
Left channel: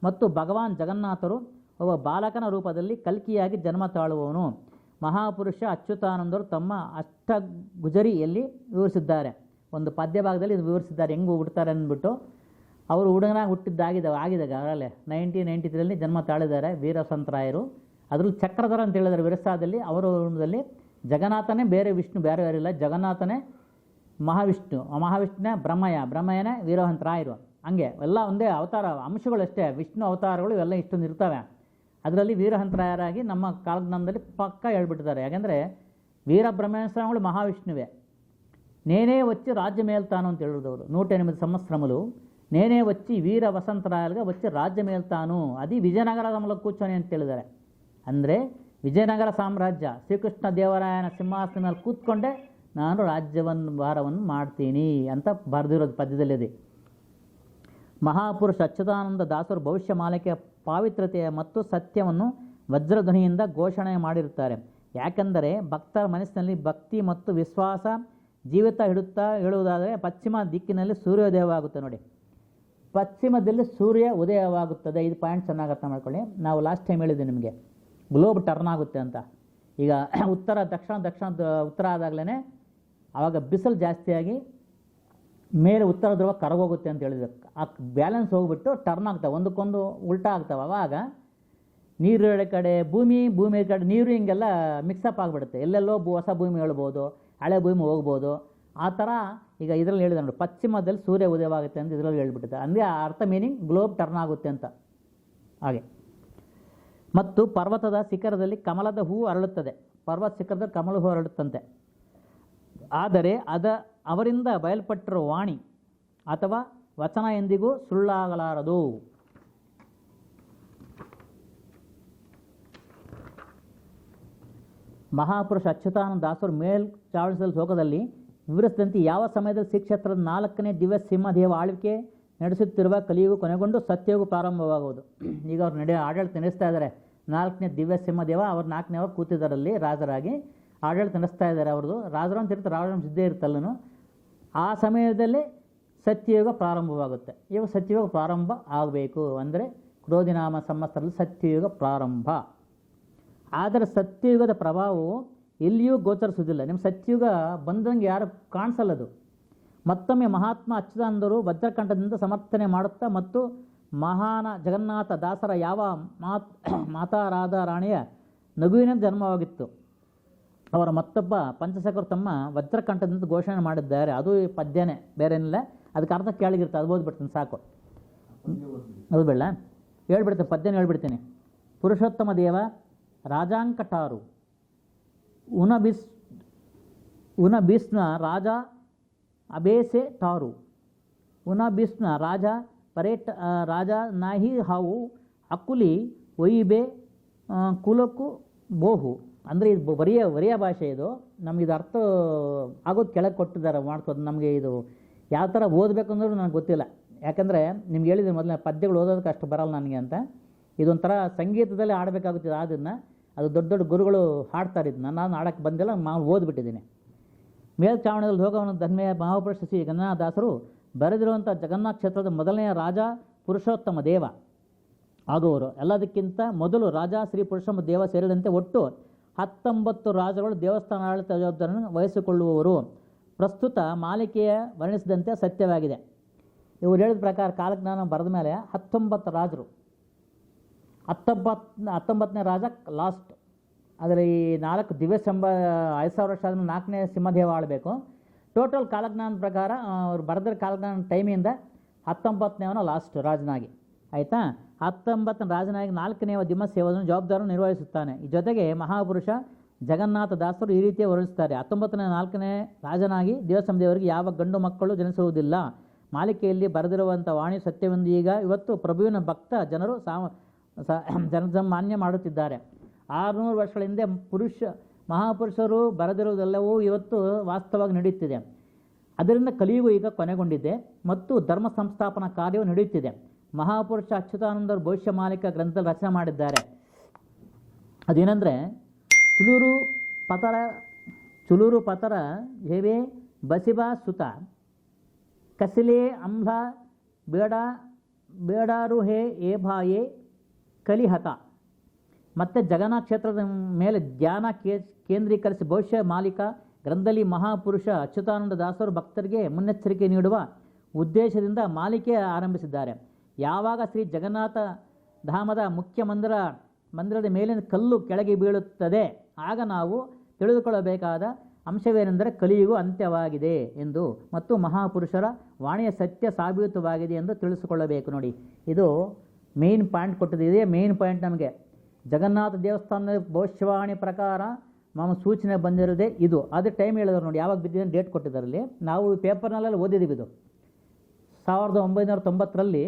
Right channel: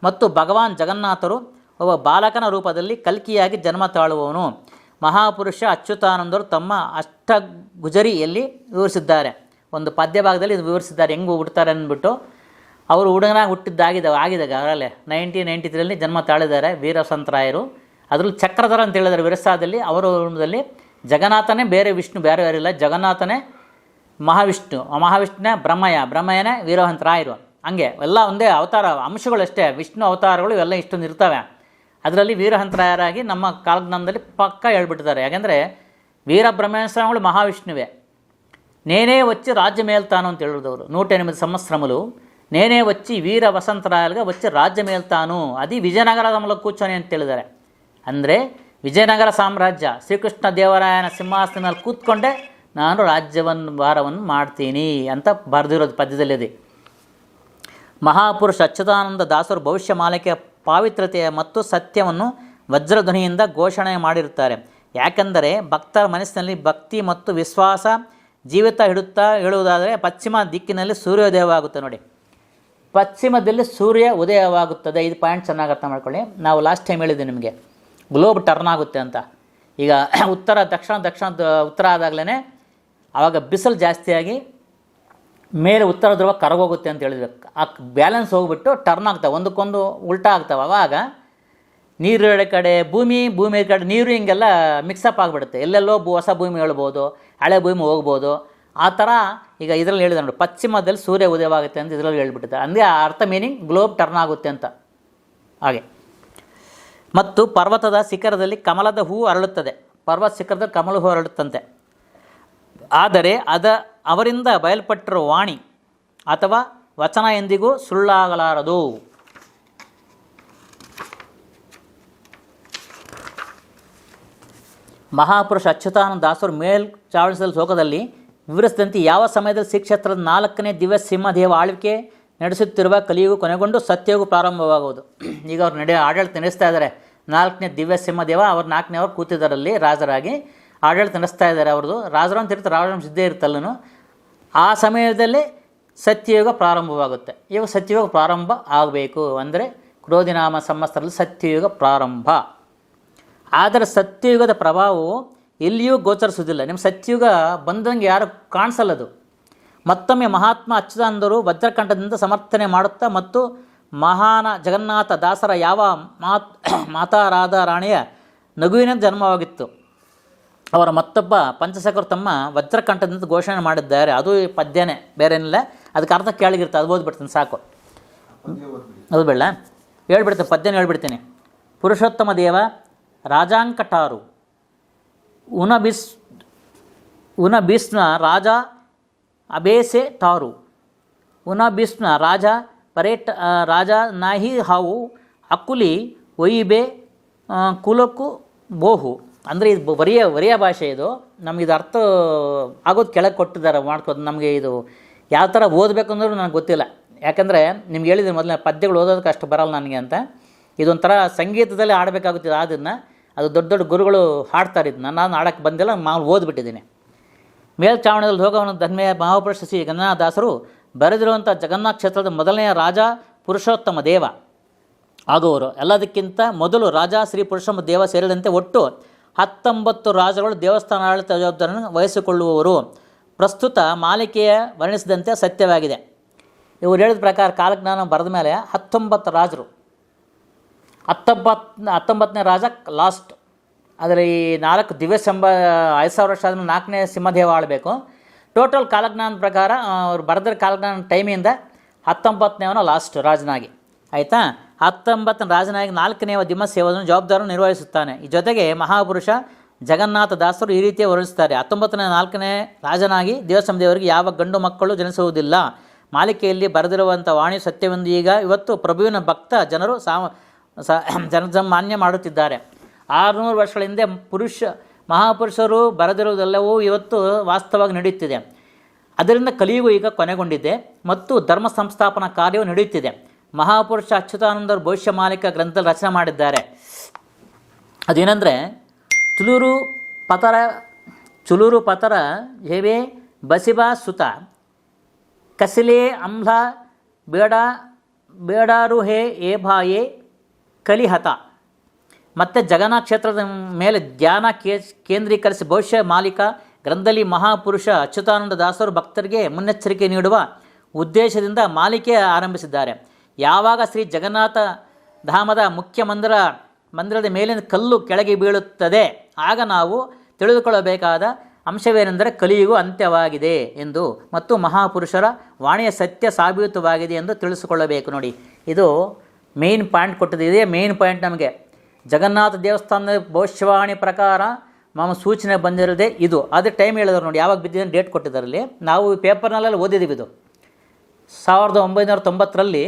ಮತ್ತು ಭಗವಾನ್ ಜಗನ್ನಾಥರು ಒಬ್ಬ ಬಾಲಕನ ರೂಪದಲ್ಲಿ ಕಲ್ಕಿಯಾಗಿ ಜನ್ಮ ತಾಳುವವನು. ಮಹಾಪುರುಷ ಅಚ್ಯುತಾನಂದರು ತಮ್ಮ ಅಷ್ಟಗುಜರಿಯಲ್ಲಿ ವಿವರಿಸಿದ್ದಾರೆ. ಒಂದು ಪದ್ಯ ಭಾಗದಲ್ಲಿ ಇದು ವಿವರಿಸಿದ್ದಾರೆ. ಹೆಂಗೆ ಹುಡ್ತಾರೆ ಅಂದ್ಬಿಟ್ಟು. ಅವರು ಹುಡುಗನಾಗಿ ಹುಟ್ಟಿದ್ದಾಗಿದೆ ಆಗಿದಾಗ ಅವರಲ್ಲೇ ನೈನ್ಟೀನ್ ನೈಂಟಿ ತ್ರೀಯಲ್ಲಿ ಜನ್ಮ ತಾಳಿದ್ದಾರೆ ವೀರಸಂತರಾಯರು. ಅದರಲ್ಲಿ ಚಕ್ರಧರ ಅಂತ ಹೇಳಿದ್ದಾರೆ ವಿರಸಾದಲ್ಲಿ. ಅವರ ರೂಪದಲ್ಲಿ ಜಗನ್ನಾಥನೇ ಬೇರೆ ವಿಷ್ಣು, ಬೇರೆ ಇಲ್ಲ. ಜಗನ್ನಾಥನೇ ಮಹಾವಿಷ್ಣು. ಮಹಾವಿಷ್ಣುನ ಬ್ರಹ್ಮಯ ಬ್ರಹ್ಮಯ್ಯನ ವೀರಹಂತರಾಯರು ಹಂಗೆ ಎಲ್ಲ ಒಂದೇ ಅವತಾರ, ಅಂಶಗಳಷ್ಟೇ. ವಿಷ್ಣು ಅವತಾರಗಳು ಇವೆಲ್ಲ ಇಷ್ಟೊಂದು ಇರ್ತವೆ. ಅದರಲ್ಲಿ ವೀರಹಂತರಾಯರಾಗಿ ನಮ್ಮ ಕಾಲಜ್ಞಾನದಲ್ಲಿ ಪಕ್ಕ ಹೇಳ್ಬಿಟ್ಟಿದ್ದಾರೆ. ಯಾಕೆಂದರೆ ವೀರಬ್ರಹ್ಮೇಶ್ವರಗಳು ಮಹಾವಿಷ್ಣುವೆ. ನೇನೇ ವಚ್ಚಿ ರಾಜ್ಯ ಮೇಲ್ತಾನು ಅಂತ ಹೇಳಿದವರು ನೂಟ ಎನಿಮಿది ನೇನೇ ವಚ್ಚಿ ವೀರ ವಸಂತರಾಯಲ್ಗೆ ವಚ್ಚಿ ರಾಜ್ಯ ಮೇಲ್ತಾನು. ಅದಿ ವಿಜಯನಗರ ಮೂಲಕ ಕೂಚೋನೆ ಅಂತ ಹೇಳಿದ್ದಾರೆ. ಅಂದರೆ ವಿಜಯನಗರ ಸಾಮ್ರಾಜ್ಯ ಶ್ರೀಕೃಷ್ಣ ದೇವರಾಯನ ಸಿಂಹಾಸನದಲ್ಲಿ ಕೂತ್ಕೊಂಡೆ ನಾನು ರಾಜ್ಯವನ್ನು, ಭಾರವನ್ನು ಮಾಡ್ತೀನಿ ಅಂತ ಬರೆದಿರೋದು ಪದ್ಯದಲ್ಲಿದೆ. ಮಹಾಪುರುಷ ಅಚ್ಯುತಾನಂದ ದಾಸರು ಭವಿಷ್ಯ ಮಾಲಿಕೆಯ ಪಾವಿತ್ರತೆಯ ಮತ್ತು ಸತ್ಯವನ್ನು ವಜ್ರಧ್ವನಿಯಿಂದ ಘೋಷಣೆ ಮಾಡಿರುತ್ತಾರೆ. ಯಾಕೆಂದರೆ ಭಕ್ತರ ಮನಸ್ಸಿನಲ್ಲಿ ಭಕ್ತಿ ಮತ್ತು ವಿಶ್ವಾಸ ಜೀವಿತ ಹಿಡುತ್ತಾ ಹೇಳುವುದಾದರೆ ಪಶ್ಚಿಮ ದಿಕ್ಕಿನಲ್ಲಿ ಸೂರ್ಯೋದಯವಾಗುತ್ತೆ ನೋಡಿ. ಪಶ್ಚಿಮದಲ್ಲಿ ಸೂರ್ಯ ಉದಯವಾಗುತ್ತದೆ. ಇದು ಪಾಯಿಂಟ್ ಚೆನ್ನಾಗಿ ಅರ್ಥ ಮಾಡ್ಕೊಳ್ಳಿ. ನಾವು ಲಾಸ್ಟ್ ಟೈಮ್ ಹೇಳಿದ್ದೆ ನಿಮಗೆ. ಗ್ಲೋಬ್ ಟರ್ನ್ ಆಗುತ್ತೆ ಅಂತ. ಈಗ ಉತ್ತರ, ದಕ್ಷಿಣ ದಕ್ಷಿಣ, ಉತ್ತರ ಆದಾಗಲೇ ಆವಾಗ ಬಿಸಿಲು ಜಾಸ್ತಿಯಾಗಿ ಮೇಲೆ ಉತ್ತರ ಧ್ರುವ ಕರಗೋಗುತ್ತೆ ಅಂತ ಹೇಳಿದ್ರು. ಆ ಬ್ಯಾಲೆನ್ಸ್ ಹೋಗ್ಬಿಟ್ಟು ಟರ್ನ್ ಆಗ್ತವೆ. ಒಂದಕ್ಕೊಂದು ಉಲ್ಟಾ ಆಗ್ತವೆ. ಆವಾಗ ನೀರು ಇರೋ ಕಡೆ, ಭೂಮಿ ಭೂಮಿ ಕಡೆ, ನೀರು ಹಿಂಗೆಲ್ಲ ಮಿಕ್ಸಪ್ ಆಗಿಬಿಡುತ್ತೆ. ಎಲ್ಲೆಲ್ಲೋ ಭೂ ಹೊಸ ಭೂಮಿ ಹೇಳ್ಬೋದು, ಹಳೆ ಭೂಮಿ ಹೋಗ್ಬೋದು. ಆ ಥರ ಈಗ ಇದರಲ್ಲಿ ಹೇಳಿದೆ ನೋಡಿ, ಪಶ್ಚಿಮದಲ್ಲಿ ಸೂರ್ಯ ಉದಯವಾಗುತ್ತೆ ಅಂತ ಇದರಲ್ಲಿ ಹೇಳ್ಬಿಟ್ಟಿದ್ದಾರೆ. ಅಂದರೆ ಆ ಅರ್ಥ ಮೀನಿಂಗ್ ಗ್ಲೋಬ್ ಟರ್ನ್ ಆಗುತ್ತೆ ಅಂತ. ಹಾಗೆ. ಮತ್ತು ಪರ್ವತದ ಶಿಖರದಲ್ಲಿ ಕಮಲದ ಹೂ ಅರಳುತ್ತದೆ. ಪರ್ವತ ಶಿಖರದಲ್ಲಿ ಕಮಲ ಹೂ ಅರಳುತ್ತಂತೆ. ಆದರೆ ಅದ, ಅವರಿಂದ ಬಯಲ್ಪಟ್ಟಿರುವ ವಾಣಿ ಅಥವಾ ವಚನ ಎಂದಿಗೂ ಸುಳ್ಳಾಗಲಾರದು. ಮಹಾಪುರುಷ ಅಚ್ಯುತಾನಂದ ದಾಸರು ಮೇಲ್ ಚಾವಣಿಸಲ್ ಶೋಕದಲ್ಲಿ ವಿವರಿಸಿದಂತೆ ಯಾವ ಸಮಯದಲ್ಲಿ ಶ್ರೀಕ್ಷೇತ್ರದ ನಾಲ್ಕನೇ ದಿವ್ಯ ಸಿಂಹದೇವ ಆಳ್ವಿಕೆ ನಡೆಸುತ್ತಿರುವ ಕಲಿಯುಗು ಕೊನೆಗೊಂಡು ಸತ್ಯಯುಗು ಪ್ರಾರಂಭವಾಗುವುದು? [CLEARS THROAT] ಈಗ ಅವ್ರು ನಡೆ, ಆಡಳಿತ ನಡೆಸ್ತಾ ಇದ್ದಾರೆ. ನಾಲ್ಕನೇ ದಿವ್ಯ ಸಿಂಹದೇವ, ಅವರು ನಾಲ್ಕನೇ ಅವರು ಕೂತಿದ್ದರಲ್ಲಿ ರಾಜರಾಗಿ ಆಡಳಿತ ನಡೆಸ್ತಾ ಇದ್ದಾರೆ ಅವ್ರದ್ದು. ರಾಜರಾಮ್ ತೀರ್ಥ ರಾಜವಂಶ ಇದ್ದೇ ಆ ಸಮಯದಲ್ಲಿ ಸತ್ಯಯುಗ ಪ್ರಾರಂಭವಾಗುತ್ತೆ. ಇವಾಗ ಸತ್ಯಯುಗ ಪ್ರಾರಂಭ ಆಗಬೇಕು ಅಂದರೆ ಕ್ರೋಧಿನಾಮ ಸಂವತ್ಸರದಲ್ಲಿ ಸತ್ಯಯುಗ ಪ್ರಾರಂಭ. ಆದರೆ ಸತ್ಯಯುಗದ ಪ್ರಭಾವವು ಎಲ್ಲಿಯೂ ಗೋಚರಿಸುವುದಿಲ್ಲ. ನಿಮ್ಮ ಸತ್ಯಯುಗ ಬಂದಂಗೆ ಯಾರು ಕಾಣಿಸಲ್ಲದು ಮತ್ತೊಮ್ಮೆ ಮಹಾತ್ಮ ಅಚ್ಯುತಾನಂದರು ವಜ್ರಕಂಠದಿಂದ ಸಮರ್ಥನೆ ಮಾಡುತ್ತಾ ಮತ್ತು ಮಹಾನ ಜಗನ್ನಾಥ ದಾಸರ ಯಾವ ಮಾತ್ ಮಾತಾರಾಧ ರಾಣಿಯ ನಗುವಿನ ಜನ್ಮವಾಗಿತ್ತು. ಅವರ ಮತ್ತೊಬ್ಬ ಪಂಚಸಖರು ತಮ್ಮ ವಜ್ರಕಂಠದಿಂದ ಘೋಷಣೆ ಮಾಡಿದ್ದಾರೆ. ಅದು ಪದ್ಯನೇ ಬೇರೇನಿಲ್ಲ ಅದಕ್ಕೆ ಅರ್ಧ ಕೆಳಗಿರುತ್ತೆ ಅದು ಓದ್ಬಿಡ್ತೀನಿ, ಸಾಕು. ಅದು ಬೇಡ. ಹೇಳ್ಬಿಡ್ತೀನಿ, ಪದ್ಯನ ಹೇಳ್ಬಿಡ್ತೀನಿ. ಪುರುಷೋತ್ತಮ ದೇವ, ರಾಜಾಂಕಟಾರು. ಉನಬಿಸ್ ಉನಬಿಸ್ನ ರಾಜ ಅಬೇಸೆ ಟಾರು. ಉನಬಿಸ್ನ ರಾಜ ಪರೇಟ ರಾಜ ನಾಹಿ ಹಾವು, ಅಕುಲಿ ಒಯಿಬೆ ಕುಲಕು ಬೋಹು. ಅಂದರೆ ಇದು ಬರಿಯ ಬರಿಯ ಭಾಷೆ ಇದು. ನಮಗೆ ಇದು ಅರ್ಥ ಆಗೋದು ಕೆಳಗೆ ಕೊಟ್ಟಿದ್ದಾರೆ ಮಾಡ್ಕೋದು ನಮಗೆ ಇದು ಯಾವ ಥರ ಓದಬೇಕು ಅಂದ್ರೂ ನನಗೆ ಗೊತ್ತಿಲ್ಲ. ಯಾಕಂದರೆ ನಿಮ್ಗೆ ಹೇಳಿದ್ರೆ ಮೊದಲನೇ ಪದ್ಯಗಳು ಓದೋದಕ್ಕೆ ಅಷ್ಟು ಬರಲ್ಲ ನನಗೆ ಅಂತ. ಇದೊಂಥರ ಸಂಗೀತದಲ್ಲಿ ಆಡಬೇಕಾಗುತ್ತಿದೆ ಅದನ್ನು ಅದು ದೊಡ್ಡ ದೊಡ್ಡ ಗುರುಗಳು ಹಾಡ್ತಾರೆ ಇದನ್ನ ನಾನು ಆಡೋಕ್ಕೆ ಬಂದಿಲ್ಲ ನಾನು ಓದ್ಬಿಟ್ಟಿದ್ದೀನಿ. ಮೇಲ್ಚಾವಣದಲ್ಲಿ ಹೋಗವನು ಧನ್ಮೆಯ ಮಹಾಪುರುಷ ಶ್ರೀ ಗಂಗನಾಥದಾಸರು ಬರೆದಿರುವಂಥ ಜಗನ್ನಾಥ ಕ್ಷೇತ್ರದ ಮೊದಲನೆಯ ರಾಜ ಪುರುಷೋತ್ತಮ ದೇವ. ಆಗುವರು ಎಲ್ಲದಕ್ಕಿಂತ ಮೊದಲು ರಾಜ, ಶ್ರೀ ಪುರುಷೋತ್ತಮ ದೇವ ಸೇರಿದಂತೆ ಒಟ್ಟು ಹತ್ತೊಂಬತ್ತು ರಾಜರುಗಳು ದೇವಸ್ಥಾನ ಆಡಳಿತ ಜವಾಬ್ದಾರಿಯನ್ನು ವಹಿಸಿಕೊಳ್ಳುವವರು. ಪ್ರಸ್ತುತ ಮಾಲಿಕೆಯ ವರ್ಣಿಸಿದಂತೆ ಸತ್ಯವಾಗಿದೆ. ಇವರು ಹೇಳಿದ ಪ್ರಕಾರ ಕಾಲಜ್ಞಾನ ಬರೆದ ಮೇಲೆ ಹತ್ತೊಂಬತ್ತು ರಾಜರು. ಹತ್ತೊಂಬತ್ತು ಹತ್ತೊಂಬತ್ತನೇ ರಾಜ ಲಾಸ್ಟ್. ಆದರೆ ಈ ನಾಲ್ಕು ದಿವ್ಯ ಸಂಬ ಐದು ಸಾವಿರ ವರ್ಷ ಆದಮೇಲೆ ನಾಲ್ಕನೇ ಸಿಂಹದೇವ ಆಳಬೇಕು. ಟೋಟಲ್ ಕಾಲಜ್ಞಾನದ ಪ್ರಕಾರ ಅವ್ರು ಬರೆದ್ರ ಕಾಲಜ್ಞಾನ ಟೈಮಿಂದ ಹತ್ತೊಂಬತ್ತನೇವನ ಲಾಸ್ಟ್ ರಾಜನಾಗಿ. ಆಯಿತಾ? ಹತ್ತೊಂಬತ್ತನೇ ರಾಜನಾಗಿ ನಾಲ್ಕನೇ ದಿಮ್ಮ ಸೇವವನ್ನು ಜವಾಬ್ದಾರಿಯನ್ನು ನಿರ್ವಹಿಸುತ್ತಾನೆ. ಈ ಜೊತೆಗೆ ಮಹಾಪುರುಷ ಜಗನ್ನಾಥ ದಾಸರು ಈ ರೀತಿಯ ವರ್ಣಿಸುತ್ತಾರೆ. ಹತ್ತೊಂಬತ್ತನೇ ನಾಲ್ಕನೇ ರಾಜನಾಗಿ ದೇವರಿಗೆ ಯಾವ ಗಂಡು ಮಕ್ಕಳು ಜನಿಸುವುದಿಲ್ಲ. ಮಾಲಿಕೆಯಲ್ಲಿ ಬರೆದಿರುವಂಥ ವಾಣಿ ಸತ್ಯವೆಂದು ಈಗ ಇವತ್ತು ಪ್ರಭುವಿನ ಭಕ್ತ ಜನರು ಸಾ ಜನಸಾಮಾನ್ಯ ಮಾಡುತ್ತಿದ್ದಾರೆ. ಆರುನೂರು ವರ್ಷಗಳ ಹಿಂದೆ ಪುರುಷ, ಮಹಾಪುರುಷರು ಬರೆದಿರುವುದೆಲ್ಲವೂ ಇವತ್ತು ವಾಸ್ತವವಾಗಿ ನಡೆಯುತ್ತಿದೆ. ಅದರಿಂದ ಕಲಿಯುಗ ಈಗ ಕೊನೆಗೊಂಡಿದೆ ಮತ್ತು ಧರ್ಮ ಸಂಸ್ಥಾಪನಾ ಕಾರ್ಯವು ನಡೆಯುತ್ತಿದೆ. ಮಹಾಪುರುಷ ಅಚ್ಯುತಾನಂದರು ಭವಿಷ್ಯ ಮಾಲಿಕ ಗ್ರಂಥದಲ್ಲಿ ರಚನೆ ಮಾಡಿದ್ದಾರೆ. ಅದೇನೆಂದರೆ, ತುಲೂರು ಪತರ ಚುಲೂರು ಪತರ ಹೇವೆ ಬಸಿಬಾ ಸುತ, ಕಸಿಲೆ ಅಂಬ್ಲ ಬೇಡ, ಬೇಡಾರು ಹೇ ಏ ಭಾಯೆ ಕಲಿಹತ. ಮತ್ತು ಜಗನ್ನಾಥ ಕ್ಷೇತ್ರದ ಮೇಲೆ ಧ್ಯಾನ ಕೇ, ಕೇಂದ್ರೀಕರಿಸಿ ಭವಿಷ್ಯ ಮಾಲಿಕ ಗ್ರಂಥದಲ್ಲಿ ಮಹಾಪುರುಷ ಅಚ್ಯುತಾನಂದ ದಾಸರು ಭಕ್ತರಿಗೆ ಮುನ್ನೆಚ್ಚರಿಕೆ ನೀಡುವ ಉದ್ದೇಶದಿಂದ ಮಾಲಿಕೆ ಆರಂಭಿಸಿದ್ದಾರೆ. ಯಾವಾಗ ಶ್ರೀ ಜಗನ್ನಾಥ ಧಾಮದ ಮುಖ್ಯ ಮಂದಿರ, ಮಂದಿರದ ಮೇಲಿನ ಕಲ್ಲು ಕೆಳಗೆ ಬೀಳುತ್ತದೆ, ಆಗ ನಾವು ತಿಳಿದುಕೊಳ್ಳಬೇಕಾದ ಅಂಶವೇನೆಂದರೆ ಕಲಿಯುಗು ಅಂತ್ಯವಾಗಿದೆ ಎಂದು ಮತ್ತು ಮಹಾಪುರುಷರ ವಾಣಿಯ ಸತ್ಯ ಸಾಬೀತವಾಗಿದೆ ಎಂದು ತಿಳಿಸಿಕೊಳ್ಳಬೇಕು ನೋಡಿ. ಇದು ಮೇನ್ ಪಾಯಿಂಟ್ ಕೊಟ್ಟಿದೆ ಇದೇ ಮೇನ್ ಪಾಯಿಂಟ್ ನಮಗೆ. ಜಗನ್ನಾಥ ದೇವಸ್ಥಾನದ ಭವಿಷ್ಯವಾಣಿ ಪ್ರಕಾರ ನಮ್ಮ ಸೂಚನೆ ಬಂದಿರೋದೇ ಇದು. ಅದು ಟೈಮ್ ಹೇಳಿದ್ರು ನೋಡಿ, ಯಾವಾಗ ಬಿದ್ದಿದೆ ಡೇಟ್ ಕೊಟ್ಟಿದ್ದಾರಲ್ಲಿ. ನಾವು ಪೇಪರ್ನಲ್ಲೆಲ್ಲ ಓದಿದ್ದೀವಿ ಇದು. ಸಾವಿರದ ಒಂಬೈನೂರ ತೊಂಬತ್ತರಲ್ಲಿ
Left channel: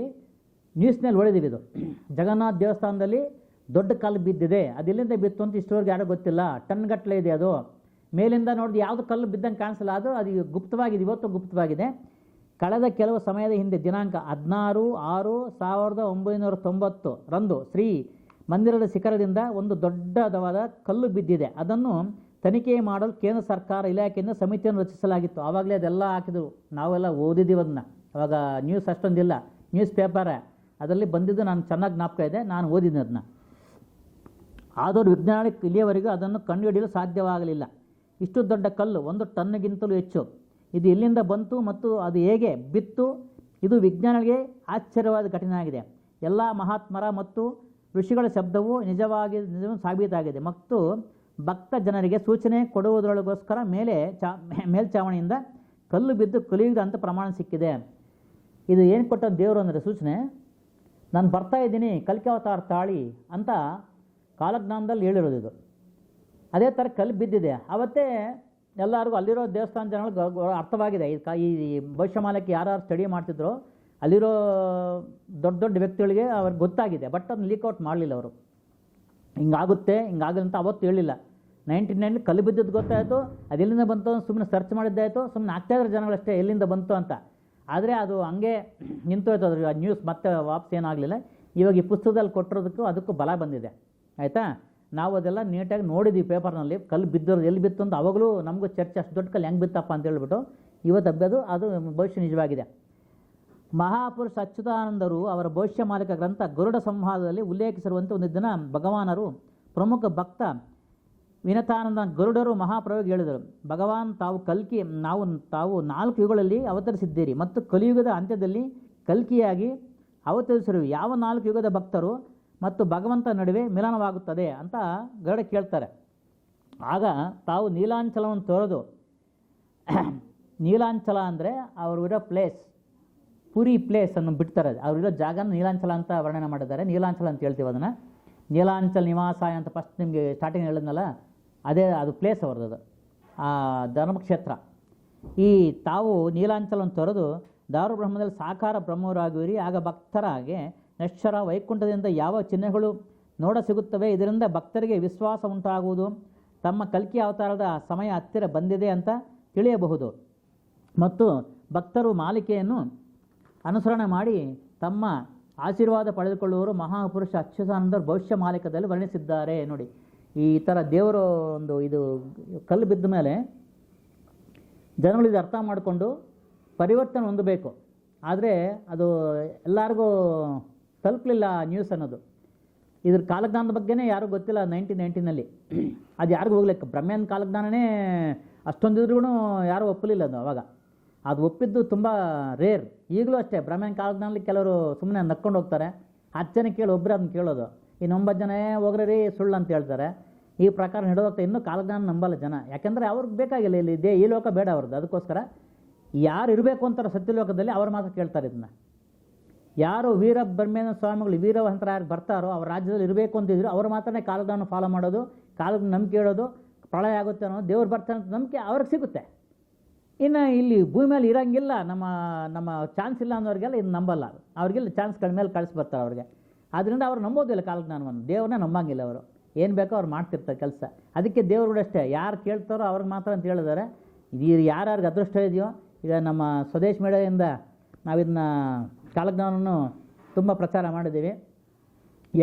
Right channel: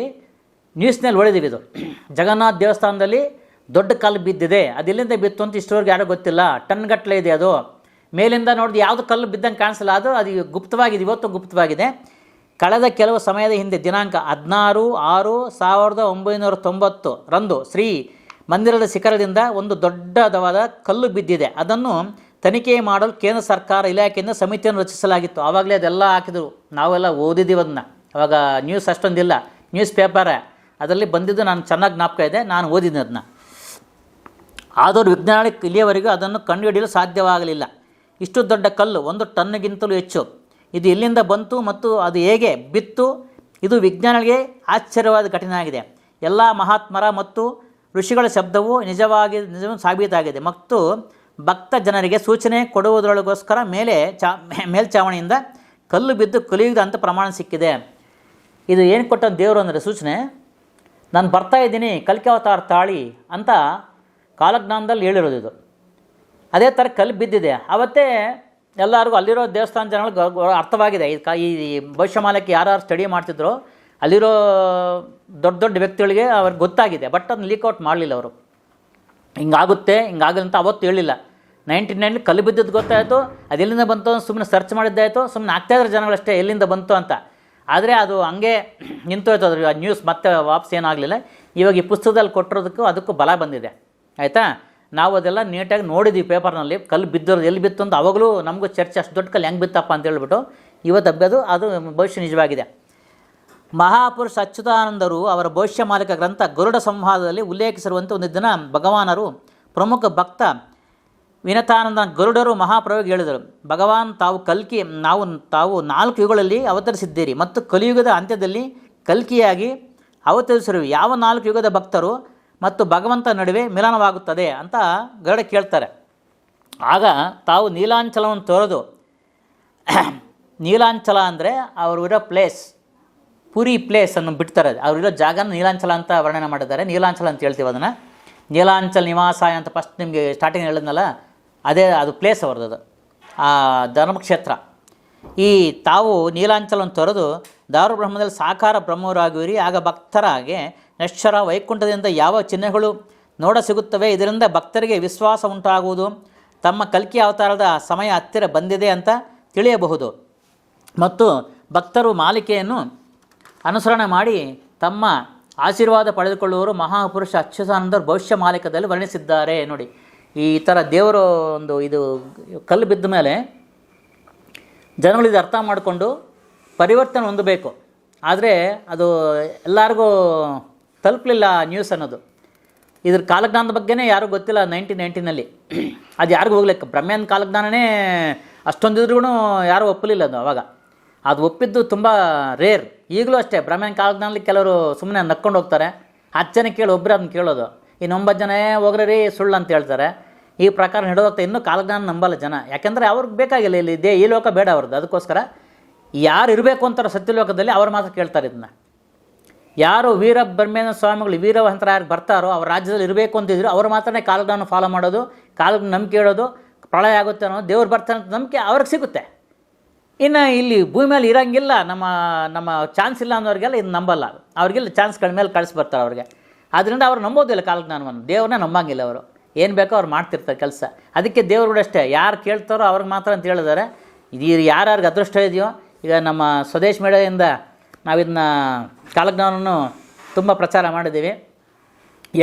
ನ್ಯೂಸ್ನಲ್ಲಿ ಓದಿದ್ದೀವಿ ಇದು. ಜಗನ್ನಾಥ ದೇವಸ್ಥಾನದಲ್ಲಿ ದೊಡ್ಡ ಕಲ್ಲು ಬಿದ್ದಿದೆ. ಅದು ಎಲ್ಲಿಂದ ಬಿತ್ತು ಅಂತ ಇಷ್ಟವರೆಗೆ ಯಾರೋ ಗೊತ್ತಿಲ್ಲ. ಟನ್ಗಟ್ಟಲೆ ಇದೆ ಅದು. ಮೇಲಿಂದ ನೋಡಿದ ಯಾವುದು ಕಲ್ಲು ಬಿದ್ದಂಗೆ ಕಾಣಿಸಲ್ಲ. ಅದು ಅದು ಗುಪ್ತವಾಗಿದೆ, ಇವತ್ತು ಗುಪ್ತವಾಗಿದೆ. ಕಳೆದ ಕೆಲವು ಸಮಯದ ಹಿಂದೆ ದಿನಾಂಕ ಹದಿನಾರು, ಆರು, ಸಾವಿರದ ಒಂಬೈನೂರ ತೊಂಬತ್ತು ರಂದು ಶ್ರೀ ಮಂದಿರದ ಶಿಖರದಿಂದ ಒಂದು ದೊಡ್ಡದಾದ ಕಲ್ಲು ಬಿದ್ದಿದೆ. ಅದನ್ನು ತನಿಖೆ ಮಾಡಲು ಕೇಂದ್ರ ಸರ್ಕಾರ ಇಲಾಖೆಯಿಂದ ಸಮಿತಿಯನ್ನು ರಚಿಸಲಾಗಿತ್ತು. ಆವಾಗಲೇ ಅದೆಲ್ಲ ಹಾಕಿದರು. ನಾವೆಲ್ಲ ಓದಿದ್ದೀವಿ ಅದನ್ನ. ಅವಾಗ ನ್ಯೂಸ್ ಅಷ್ಟೊಂದಿಲ್ಲ. News paper. ಅದರಲ್ಲಿ ಬಂದಿದ್ದು ನಾನು ಚೆನ್ನಾಗಿ ಜ್ಞಾಪಕ ಇದೆ, ನಾನು ಓದಿದ್ದೆ ಅದನ್ನ ಆದರೂ ವಿಜ್ಞಾನಿ ಇಲ್ಲಿಯವರೆಗೂ ಅದನ್ನು ಕಂಡುಹಿಡಿಯಲು ಸಾಧ್ಯವಾಗಲಿಲ್ಲ. ಇಷ್ಟು ದೊಡ್ಡ ಕಲ್ಲು, ಒಂದು ಟನ್ನಿಗಿಂತಲೂ ಹೆಚ್ಚು. ಇದು ಎಲ್ಲಿಂದ ಬಂತು ಮತ್ತು ಅದು ಹೇಗೆ ಬಿತ್ತು, ಇದು ವಿಜ್ಞಾನಿಗಳಿಗೆ ಆಶ್ಚರ್ಯವಾದ ಘಟನೆ ಆಗಿದೆ ಎಲ್ಲ ಮಹಾತ್ಮರ ಮತ್ತು ಋಷಿಗಳ ಶಬ್ದವು ನಿಜವಾಗಿ ನಿಜವೂ ಸಾಬೀತಾಗಿದೆ ಮತ್ತು ಭಕ್ತ ಜನರಿಗೆ ಸೂಚನೆ ಕೊಡುವುದರೊಳಗೋಸ್ಕರ ಮೇಲೆ ಚಾ, ಮೇಲ್ಚಾವಣಿಯಿಂದ ಕಲ್ಲು ಬಿದ್ದು ಕಲಿಯುವುದು ಅಂತ ಪ್ರಮಾಣ ಸಿಕ್ಕಿದೆ. ಇದು ಏನು ಕೊಟ್ಟ ದೇವರು ಅಂದರೆ ಸೂಚನೆ? ನಾನು ಬರ್ತಾ ಇದ್ದೀನಿ, ಕಲ್ಕಿ ಅವತಾರ ತಾಳಿ ಅಂತ ಕಾಲಜ್ಞಾನದಲ್ಲಿ ಹೇಳಿರೋದು ಇದು. ಅದೇ ಥರ ಕಲ್ಲು ಬಿದ್ದಿದೆ. ಅವತ್ತೇ ಎಲ್ಲರಿಗೂ ಅಲ್ಲಿರೋ ದೇವಸ್ಥಾನ ಗ- ಅರ್ಥವಾಗಿದೆ. ಈ ಕ- ಈ ಭವಿಷ್ಯಮಾಲಕ್ಕೆ ಯಾರ್ಯಾರು ಸ್ಟಡಿ ಮಾಡ್ತಿದ್ರು, ಅಲ್ಲಿರೋ ದೊಡ್ಡ ದೊಡ್ಡ ವ್ಯಕ್ತಿಗಳಿಗೆ ಅವ್ರಿಗೆ ಗೊತ್ತಾಗಿದೆ. ಬಟ್ ಅದನ್ನ ಲೀಕ್ಔಟ್ ಮಾಡಲಿಲ್ಲ ಅವರು. ಹಿಂಗಾಗುತ್ತೆ ಹಿಂಗಾಗಲ್ಲ ಅಂತ ಅವತ್ತು ಹೇಳಿಲ್ಲ. ನೈಂಟಿ ನೈನ್ ಕಲ್ಲು ಬಿದ್ದದ್ದು ಗೊತ್ತಾಯಿತು. ಅದೆಲ್ಲಿಂದ ಬಂತು ಸುಮ್ಮನೆ ಸರ್ಚ್ ಮಾಡಿದ್ದಾಯಿತು. ಸುಮ್ಮನೆ ಆಗ್ತಾಯಿದ್ರು ಜನಗಳಷ್ಟೇ, ಎಲ್ಲಿಂದ ಬಂತು ಅಂತ. ಆದರೆ ಅದು ಹಂಗೆ ನಿಂತೋಯ್ತು ಅದ್ರ ನ್ಯೂಸ್ ಮತ್ತೆ ವಾಪಸ್ ಏನಾಗಲಿಲ್ಲ. ಇವಾಗ ಈ ಪುಸ್ತಕದಲ್ಲಿ ಕೊಟ್ಟಿರೋದಕ್ಕೂ ಅದಕ್ಕೂ ಬಲ ಬಂದಿದೆ. ಆಯಿತಾ? ನಾವು ಅದೆಲ್ಲ ನೀಟಾಗಿ ನೋಡಿದ್ದೀವಿ ಪೇಪರ್ನಲ್ಲಿ ಕಲ್ಲು ಬಿದ್ದೋದು ಎಲ್ಲಿ ಬಿತ್ತು ಅಂತ ಅವಾಗಲೂ ನಮಗೂ ಚರ್ಚೆ ಅಷ್ಟು ದೊಡ್ಡ ಕಲ್ಲು ಹೆಂಗೆ ಬಿತ್ತಪ್ಪ ಅಂತ ಹೇಳ್ಬಿಟ್ಟು ಇವತ್ತು ಹಬ್ಬದು ಅದು ಭವಿಷ್ಯ ನಿಜವಾಗಿದೆ. ಮಹಾಪುರುಷ ಅಚ್ಯುತಾನಂದರು ಅವರ ಭವಿಷ್ಯ ಮಾಲಿಕ ಗ್ರಂಥ ಗರುಡ ಸಂವಾದದಲ್ಲಿ ಉಲ್ಲೇಖಿಸಿರುವಂತೆ ಒಂದು ದಿನ ಭಗವಾನರು ಪ್ರಮುಖ ಭಕ್ತ ವಿನತಾನಂದ ಗರುಡರು ಮಹಾಪ್ರಯೋಗ ಹೇಳಿದರು. ಭಗವಾನ್ ತಾವು ಕಲ್ಕಿ, ನಾವು ತಾವು ನಾಲ್ಕು ಯುಗಗಳಲ್ಲಿ ಅವತರಿಸಿದ್ದೀರಿ ಮತ್ತು ಕಲಿಯುಗದ ಅಂತ್ಯದಲ್ಲಿ ಕಲ್ಕಿಯಾಗಿ ಅವತರಿಸಿರು ಯಾವ ನಾಲ್ಕು ಯುಗದ ಭಕ್ತರು ಮತ್ತು ಭಗವಂತ ನಡುವೆ ಮಿಲನವಾಗುತ್ತದೆ ಅಂತ ಗರುಡ ಕೇಳ್ತಾರೆ. ಆಗ ತಾವು ನೀಲಾಂಚಲವನ್ನು ತೊರೆದು, ನೀಲಾಂಚಲ ಅಂದರೆ ಅವರು ಇರೋ ಪ್ಲೇಸ್, ಪುರಿ ಪ್ಲೇಸ್ ಅನ್ನು ಬಿಡ್ತಾರೆ. ಅವರಿರೋ ಜಾಗನ ನೀಲಾಂಚಲ ಅಂತ ವರ್ಣನೆ ಮಾಡಿದ್ದಾರೆ. ನೀಲಾಂಚಲ ಅಂತ ಹೇಳ್ತೀವಿ ಅದನ್ನು. ನೀಲಾಂಚಲ್ ನಿವಾಸ ಅಂತ ಫಸ್ಟ್ ನಿಮಗೆ ಸ್ಟಾರ್ಟಿಂಗ್ ಹೇಳಿದ್ನಲ್ಲ ಅದೇ ಅದು ಪ್ಲೇಸ್ ಅವ್ರದ್ದು ಅದು. ಆ ಧರ್ಮಕ್ಷೇತ್ರ. ಈ ತಾವು ನೀಲಾಂಚಲನ್ನು ತೊರೆದು ದಾರುಬ್ರಹ್ಮದಲ್ಲಿ ಸಾಕಾರ ಬ್ರಹ್ಮರಾಗುವಿರಿ ಆಗ ಭಕ್ತರಾಗೆ ವೈಕುಂಠದಿಂದ ಯಾವ ಚಿಹ್ನೆಗಳು ನೋಡ ಸಿಗುತ್ತವೆ, ಇದರಿಂದ ಭಕ್ತರಿಗೆ ವಿಶ್ವಾಸ ಉಂಟಾಗುವುದು. ತಮ್ಮ ಕಲ್ಕಿ ಅವತಾರದ ಸಮಯ ಹತ್ತಿರ ಬಂದಿದೆ ಅಂತ ತಿಳಿಯಬಹುದು. ಮತ್ತು ಭಕ್ತರು ಮಾಲಿಕೆಯನ್ನು ಅನುಸರಣೆ ಮಾಡಿ ತಮ್ಮ ಆಶೀರ್ವಾದ ಪಡೆದುಕೊಳ್ಳುವರು ಮಹಾಪುರುಷ ಅಚ್ಯುತಾನಂದರು ಭವಿಷ್ಯ ಮಾಲಿಕದಲ್ಲಿ ವರ್ಣಿಸಿದ್ದಾರೆ, ನೋಡಿ. ಈ ಥರ ದೇವರು ಒಂದು ಇದು ಕಲ್ಲು ಬಿದ್ದ ಮೇಲೆ ಜನಗಳು ಇದು ಅರ್ಥ ಮಾಡಿಕೊಂಡು ಪರಿವರ್ತನೆ ಹೊಂದಬೇಕು. ಆದರೆ ಅದು ಎಲ್ಲರಿಗೂ ತಲುಪಲಿಲ್ಲ ನ್ಯೂಸ್ ಅನ್ನೋದು. ಇದ್ರ ಕಾಲಜ್ಞಾನದ ಬಗ್ಗೆನೇ ಯಾರೂ ಗೊತ್ತಿಲ್ಲ ನೈನ್ಟೀನ್ ನೈನ್ಟೀನಲ್ಲಿ ಅದು ಯಾರಿಗೂ ಹೋಗ್ಲಿಕ್ಕೆ ಬ್ರಹ್ಮ್ಯಾನ್ ಕಾಲಜ್ಞಾನನೇ ಅಷ್ಟೊಂದಿದ್ರೂ ಯಾರೂ ಒಪ್ಪಲಿಲ್ಲ ಅದು ಅವಾಗ. ಅದು ಒಪ್ಪಿದ್ದು ತುಂಬ ರೇರ್ ಈಗಲೂ ಅಷ್ಟೇ ಬ್ರಹ್ಮ್ಯಾನ್ ಕಾಲಜ್ಞಾನದಲ್ಲಿ ಕೆಲವರು ಸುಮ್ಮನೆ ನಕ್ಕೊಂಡು ಹೋಗ್ತಾರೆ. ಹತ್ತು ಜನ ಕೇಳಿ ಒಬ್ಬರು ಅದನ್ನ ಕೇಳೋದು. ಇನ್ನೊಂಬತ್ತು ಜನ "ಏ, ಹೋಗ್ರಿ ರೀ ಸುಳ್ಳು ಅಂತ ಹೇಳ್ತಾರೆ. ಈ ಪ್ರಕಾರ ನಡೆದೋಗ್ತಾ ಇನ್ನೂ ಕಾಲಜ್ಞಾನ ನಂಬಲ್ಲ ಜನ. ಯಾಕೆಂದರೆ ಅವ್ರಿಗೆ ಬೇಕಾಗಿಲ್ಲ ಇಲ್ಲಿ ದೇ ಈ ಲೋಕ ಬೇಡ ಅವ್ರದ್ದು. ಅದಕ್ಕೋಸ್ಕರ ಯಾರು ಇರಬೇಕು ಅಂತಾರೆ ಸತ್ಯಲೋಕದಲ್ಲಿ ಅವ್ರು ಮಾತ್ರ ಕೇಳ್ತಾರೆ ಇದನ್ನ. ಯಾರು ವೀರ ಬ್ರಹ್ಮೇಂದ್ರ ಸ್ವಾಮಿಗಳು ವೀರವಂತರ ಯಾರು ಬರ್ತಾರೋ ಅವ್ರ ರಾಜ್ಯದಲ್ಲಿ ಇರಬೇಕು ಅಂತಿದ್ರು ಅವ್ರು ಮಾತ್ರನೇ ಕಾಲಜ್ಞಾನ ಫಾಲೋ ಮಾಡೋದು ಕಾಲಕ್ಕೆ ನಂಬಿಕೆ ಹೇಳೋದು ಪ್ರಳಯ ಆಗುತ್ತೆ ಅನ್ನೋ ದೇವ್ರು ಬರ್ತಾನೆ ಅಂತ ನಂಬಿಕೆ ಅವ್ರಿಗೆ ಸಿಗುತ್ತೆ. ಇನ್ನು ಇಲ್ಲಿ ಭೂಮಿ ಮೇಲೆ ಇರೋಂಗಿಲ್ಲ, ನಮ್ಮ ನಮ್ಮ ಚಾನ್ಸ್ ಇಲ್ಲ ಅನ್ನೋರಿಗೆಲ್ಲ ಇದು ನಂಬಲ್ಲ. ಅವ್ರಿಗೆಲ್ಲ ಚಾನ್ಸ್ಗಳ ಮೇಲೆ ಕಳಿಸ್ಬರ್ತಾರೆ ಅವ್ರಿಗೆ. ಆದ್ದರಿಂದ ಅವ್ರು ನಂಬೋದಿಲ್ಲ ಕಾಲಜ್ಞಾನವನ್ನು. ದೇವ್ರನ್ನ ನಂಬಂಗಿಲ್ಲ ಅವರು. ಏನು ಬೇಕೋ ಅವ್ರು ಮಾಡ್ತಿರ್ತಾರೆ ಕೆಲಸ. ಅದಕ್ಕೆ ದೇವ್ರು ಅಷ್ಟೇ, ಯಾರು ಕೇಳ್ತಾರೋ ಅವ್ರಿಗೆ ಮಾತ್ರ ಅಂತ ಹೇಳಿದ್ದಾರೆ. ಇದು ಯಾರ್ಯಾರಿಗೆ ಅದೃಷ್ಟ ಇದೆಯೋ, ಈಗ ನಮ್ಮ ಸ್ವದೇಶ್ ಮೇಳದಿಂದ ನಾವು ಇದನ್ನ ಕಾಲಜ್ಞಾನವನ್ನು ತುಂಬ ಪ್ರಚಾರ ಮಾಡಿದ್ದೀವಿ.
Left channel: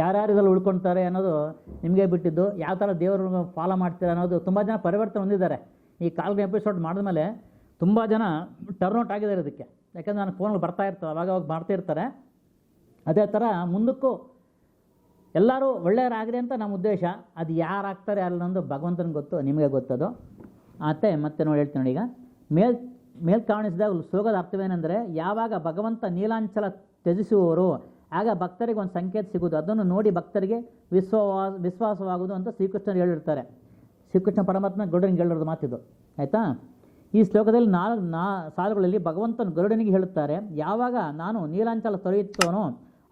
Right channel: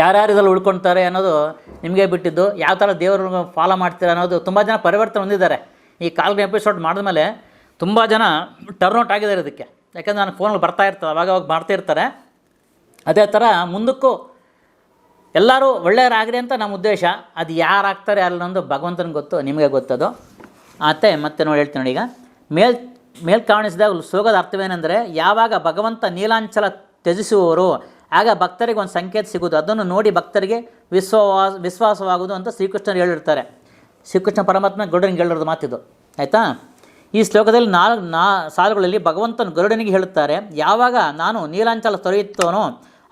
ಯಾರ್ಯಾರು ಇದರಲ್ಲಿ ಉಳ್ಕೊಳ್ತಾರೆ ಅನ್ನೋದು ನಿಮಗೆ ಬಿಟ್ಟಿದ್ದು, ಯಾವ ಥರ ದೇವರು ಫಾಲೋ ಮಾಡ್ತೀರ ಅನ್ನೋದು ತುಂಬ ಜನ ಪರಿವರ್ತನೆ ಹೊಂದಿದ್ದಾರೆ. ಈ ಕಾಲ್ಗೆ ಎಪಿಸೋಡ್ ಮಾಡಿದ್ಮೇಲೆ ತುಂಬ ಜನ ಟರ್ನ್ಔಟ್ ಆಗಿದ್ದಾರೆ ಇದಕ್ಕೆ. ಯಾಕಂದ್ರೆ ನಾನು ಫೋನಲ್ಲಿ ಬರ್ತಾ ಇರ್ತಾರೆ ಅವಾಗ ಅವಾಗ ಅದೇ ಥರ ಮುಂದಕ್ಕೂ ಎಲ್ಲರೂ ಒಳ್ಳೆಯರಾಗ್ರಿ ಅಂತ ನಮ್ಮ ಉದ್ದೇಶ. ಅದು ಯಾರು ಆಗ್ತಾರೆ ಅಲ್ಲೊಂದು ಭಗವಂತನಿಗೆ ಗೊತ್ತು, ನಿಮಗೆ ಗೊತ್ತದು. ಮತ್ತೆ ಮತ್ತೆ ನೋಡಿ ಹೇಳ್ತೀನಿ ನೋಡಿ ಈಗ. ಮೇಲ್ ಮೇಲ್ ಕಾಣಿಸಿದಾಗ ಶ್ಲೋಕದ ಅರ್ಥವೇನೆಂದರೆ, ಯಾವಾಗ ಭಗವಂತ ನೀಲಾಂಚಲ ತ್ಯಜಿಸುವವರು, ಆಗ ಭಕ್ತರಿಗೆ ಒಂದು ಸಂಕೇತ ಸಿಗೋದು ಅದನ್ನು ನೋಡಿ ಭಕ್ತರಿಗೆ ವಿಶ್ವಾಸ ವಿಶ್ವಾಸವಾಗುವುದು ಅಂತ ಶ್ರೀಕೃಷ್ಣರು ಹೇಳಿರ್ತಾರೆ. ಶ್ರೀಕೃಷ್ಣ ಪರಮಾತ್ಮ ಗರುಡನಿಗೆ ಹೇಳಿರೋದು ಮಾತಿದು. ಆಯಿತಾ? ಈ ಶ್ಲೋಕದಲ್ಲಿ ನಾಲ್ಕು ನಾ, ಸಾಲುಗಳಲ್ಲಿ ಭಗವಂತನ ಗರುಡನಿಗೆ ಹೇಳುತ್ತಾರೆ, ಯಾವಾಗ ನಾನು ನೀಲಾಂಚಲ ತೊರೆಯುತ್ತೋನೋ,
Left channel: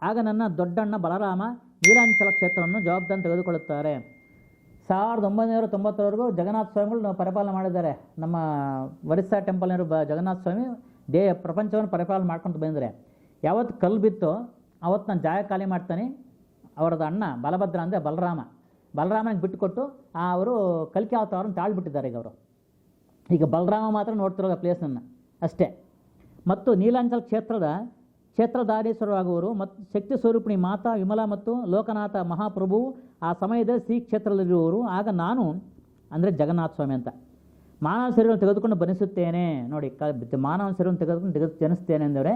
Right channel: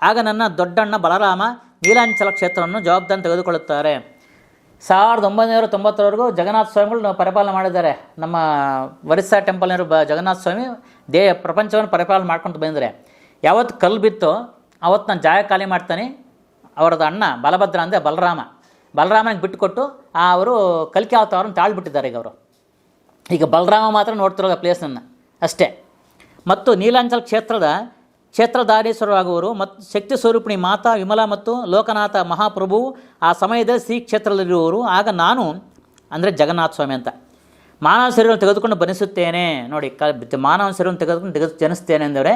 ಆಗ ನನ್ನ ದೊಡ್ಡಣ್ಣ ಬಲರಾಮ ನೀಲಾಂಚಲ ಕ್ಷೇತ್ರವನ್ನು ಜವಾಬ್ದಾರಿ ತೆಗೆದುಕೊಳ್ಳುತ್ತಾರೆ. ಸಾವಿರದ ಒಂಬೈನೂರ ತೊಂಬತ್ತರವರೆಗೂ ಜಗನ್ನಾಥ ಸ್ವಾಮಿಗಳು ಪರಿಪಾಲನೆ ಮಾಡಿದ್ದಾರೆ. ನಮ್ಮ ಒರಿಸ್ಸಾ ಟೆಂಪಲ್ನವರು ಬ ಜಗನ್ನಾಥ ಸ್ವಾಮಿ ದೇ ಪ್ರಪಂಚವನ್ನು ಪರಿಪಾಲನೆ ಮಾಡ್ಕೊಂಡು ಬಂದರೆ ಯಾವತ್ತು ಕಲ್ಲು ಬಿತ್ತೋ ಅವತ್ತು ನಾನು ಜಾಗ ಖಾಲಿ ಮಾಡ್ತಾನೆ. ಅವರದ್ದು ಅಣ್ಣ ಬಲಭದ್ರ ಅಂದರೆ ಬಲರಾಮ. ಬಲರಾಮನಿಗೆ ಬಿಟ್ಟುಕೊಟ್ಟು ಆ ಅವರು ಕಲ್ಕಿ ಅವತಾರವನ್ನು ತಾಳ್ಬಿಟ್ಟಿದ್ದಾರೆ ಈಗ ಅವರು. ಈಗ ಬಲರಾಮ ಮಾತ್ರ ನೋಡ್ತಿರೋದು ಆ ಪ್ಲೇಸನ್ನು ಅಷ್ಟೇ. ಮತ್ತು ನೀಲಾಂಚಲ ಕ್ಷೇತ್ರದ ಕ್ಷೇತ್ರಧಾರೀಶ್ವರರಾಗುವರು ಮತ್ತು ಶಕ್ತಿ ಸ್ವರೂಪಿಣಿ ಮಾತಾ ವಿಮಲಾ ಮತ್ತು ಲೋಕನಾಥ ಮಹಾಪ್ರಭು ಆ ಸಮಯದಲ್ಲಿ ಶ್ರೀ ಕ್ಷೇತ್ರದಲ್ಲಿರುವವರು. ಆಗ ನಾನು, ಅಂದರೆ ಜಗನ್ನಾಥ ಸ್ವಾಮಿ ಅಂತ ಮಾನವ ಶರೀರವನ್ನು ತೆಗೆದುಕೊಂಡು ಬನಿಸುತ್ತೇನೆ ನೋಡಿ, ಕ ಮಾನವ ಶರೀರವನ್ನು ತೆಗೆದುಕೊಂಡು ತೆಗೆದು ಜನಿಸ್ತೇನೆ ಅಂದರೆ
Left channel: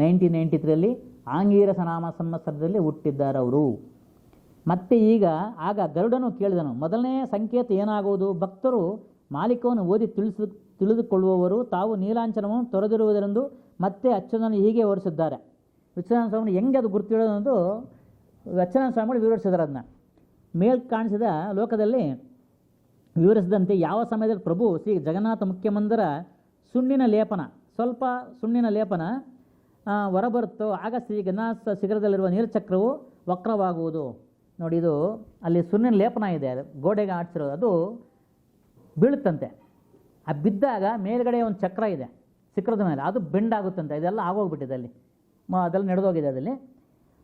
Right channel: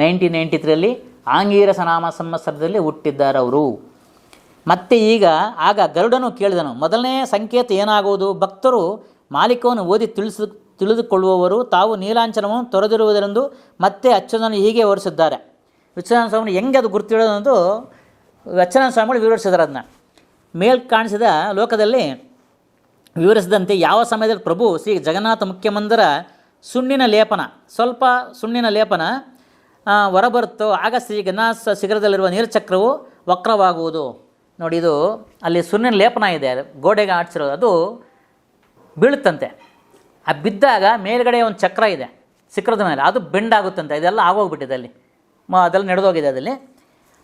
ನೈನ್ಟೀನ್ ನೈಂಟಿ ತ್ರೀಯಲ್ಲಿ ಆಂಗೀರಸ ನಾಮ ಸಂವತ್ಸರದಲ್ಲಿ ಹುಟ್ಟಿದ್ದಾರೆ ಅವರು ಮತ್ತೆ ಈಗ, ಆಗ ಗರುಡನು ಕೇಳಿದನು, ಮೊದಲನೇ ಸಂಕೇತ ಏನಾಗುವುದು? ಭಕ್ತರು ಮಾಲೀಕವನ್ನು ಓದಿ ತಿಳಿಸು ತಿಳಿದುಕೊಳ್ಳುವವರು ತಾವು ನೀಲಾಂಚನವನ್ನು ತೊರೆದಿರುವುದರೆಂದು ಮತ್ತೆ ಅಚ್ಚುತನ ಹೀಗೆ ವಿವರಿಸಿದ್ದಾರೆ. ವಿಶ್ವನಾಥ ಸ್ವಾಮಿ ಹೆಂಗೆ ಅದು ಗುರ್ತಿಡೋದಂದು ಅಚ್ಚನಾಥ ಸ್ವಾಮಿಗಳು ವಿವರಿಸಿದ್ದಾರೆ ಅದನ್ನ. ಮೇಲ್ ಕಾಣಿಸಿದ ಲೋಕದಲ್ಲಿ ವಿವರಿಸಿದಂತೆ ಯಾವ ಸಮಯದಲ್ಲಿ ಪ್ರಭು ಶ್ರೀ ಜಗನ್ನಾಥ ಮುಖ್ಯಮಂದಿರ ಸುಣ್ಣಿನ ಲೇಪನ, ಸ್ವಲ್ಪ ಸುಣ್ಣಿನ ಲೇಪನ ಹೊರಬರುತ್ತೋ, ಆಗ ಶ್ರೀ ಜಗನ್ನಾಥ ಶಿಖರದಲ್ಲಿರುವ ನೀರಚಕ್ರವು ವಕ್ರವಾಗುವುದು. ನೋಡಿ, ಇದು ಅಲ್ಲಿ ಸುಣ್ಣಿನ ಲೇಪನ ಇದೆ, ಗೋಡೆಗೆ ಆಡಿಸಿರೋದು ಅದು ಬೀಳುತ್ತಂತೆ. ಆ ಬಿದ್ದಾಗ ಮೇಲ್ಗಡೆ ಒಂದು ಚಕ್ರ ಇದೆ ಸಿಕ್ಕರದ ಮೇಲೆ. ಅದು ಬೆಂಡ್ ಆಗುತ್ತಂತೆ. ಇದೆಲ್ಲ ಆಗೋಗ್ಬಿಟ್ಟಿದೆ ಅಲ್ಲಿ. ಮ, ಅದೆಲ್ಲ ನಡೆದೋಗಿದೆ ಅದಲ್ಲಿ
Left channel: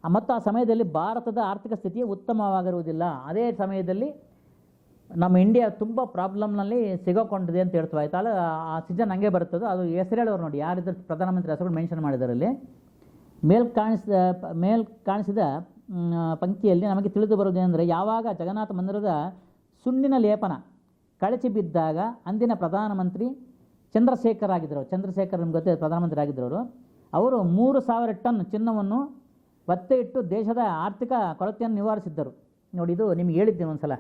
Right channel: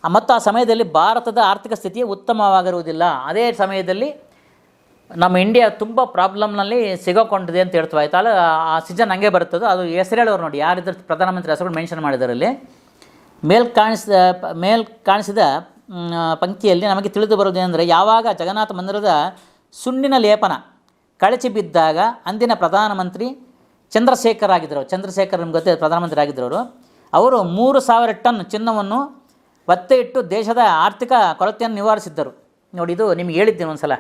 ಆ, ಮತ್ತು ಆ ಸಮಯದಲ್ಲಿ ಭಾರತದ ಆರ್ಥಿಕ ಸ್ಥಿತಿ ಉತ್ತಮವಾಗಿರುವುದಿಲ್ಲ. ಅದೇ ಸಮಯದಲ್ಲಿ ನಮ್ಮ ಇಂಡಿಯಾ ತುಂಬ ಪ್ರಾಬ್ಲಮ್ನಲ್ಲಿ ಸಿಗೋಕೊಂಡಿದೆ ಅಂತ ಹೇಳ್ತಾ ಆಯ್ತು ಅಲ್ಲ, ಆ ಸೀಸನ್ ಹಂಗೆ ಬರ್ತದೆ, ಅದು ಹೆಸರು ಹೇಳೋರು ನೋಡಿ. ಯಾರಿದ್ರು ಪ್ರಧಾನಮಂತ್ರಿ ಹೆಸರುಗಳು ಮೆನ್ಷನ್ ಮಾಡಿದಾರಲ್ಲಿ ಮೇಲ್ ಕಾಣಿಸಿದ ಮೇಲ್ ಕಾಣಿಸಿದ ಪಂಕ್ತಿಯಲ್ಲಿ ನಮಗೆ ತಿಳಿದು ಬರೋದೇನೆಂದರೆ ಯಾವಾಗ ಜಗನ್ನಾಥ ಮಂದಿರದ ಸುಣ್ಣಿನ ಲೇಪನ ಕಳಚಿ ಬಿದ್ದಾಗ ಅಂದಿನ ಪ್ರಧಾನಮಂತ್ರಿ ಚಂದ್ರಶೇಖರ್ ಆಗಿದ್ದರು ಚಂದ್ರಶೇಖರ್ ನಿಮ್ಗೆ ಗೊತ್ತಿದೆ ಪ್ರಧಾನಮಂತ್ರಿ ಆಗಿದ್ದರು ಅವರು ಮೂರು ಸಾವಿರ ಟನ್ ಚಿನ್ನವನ್ನು ಒತ್ತೆ ಇಟ್ಟು ದೇಶದ ಆರ್ಥಿಕ ಕೊರತೆಯನ್ನು ನಿವಾರಿಸಿದ್ದರು. ನೋಡಿ, ಇದು ನಿಮ್ಗೆ ಹೇಳಿದ್ದೀನಿ ಒಂದು ಸಲ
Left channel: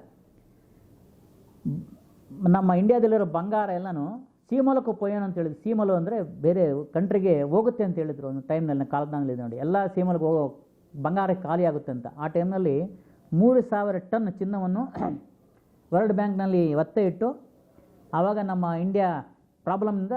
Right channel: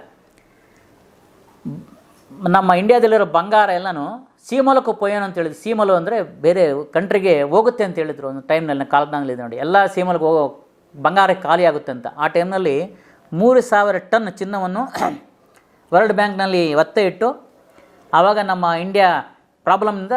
ನಮ್ಮ ಇಂಡಿಯಾದಲ್ಲಿರೋ ಬಂಗಾರ ಎಲ್ಲನೂ ಸೀಮಲಕ್ಕೂ ಪೊಯ್ಯೋಣ ಅಂತ ಹೇಳಿದ್ರು. ಸೀಮಲು ಅಂದರೆ ಬೇರೆ ಕಂಟ್ರಿಗೆ ಹೋಗುತ್ತೆ ಅಂತ ಹೇಳಿದ್ರು ಒಂದು ಟೈಮ್ನಲ್ಲಿ ಕಾಲದಲ್ಲಿ ನೋಡಿ. ಎಲ್ಲ ಸೀಮಲ್ಗೆ ಹೋಗೋ ಬಂಗಾರಕ್ಕೆ ಖಾಲಿ ಆಗುತ್ತೆ ಅಂತ. ಆ ಟೈಮ್ನಲ್ಲಿ ಮೂರು ಸಾವಿರ ಟನ್ ಚಿನ್ನವನ್ನು ವರ್ಲ್ಡ್ ಬ್ಯಾಂಕ್ನಲ್ಲಿ ಒತ್ತೆ ಇಟ್ಟು ಆವಾಗ ನಮ್ಮ ಇಂಡಿಯಾ ಪ್ರಾಬ್ಲಮ್ನಿಂದ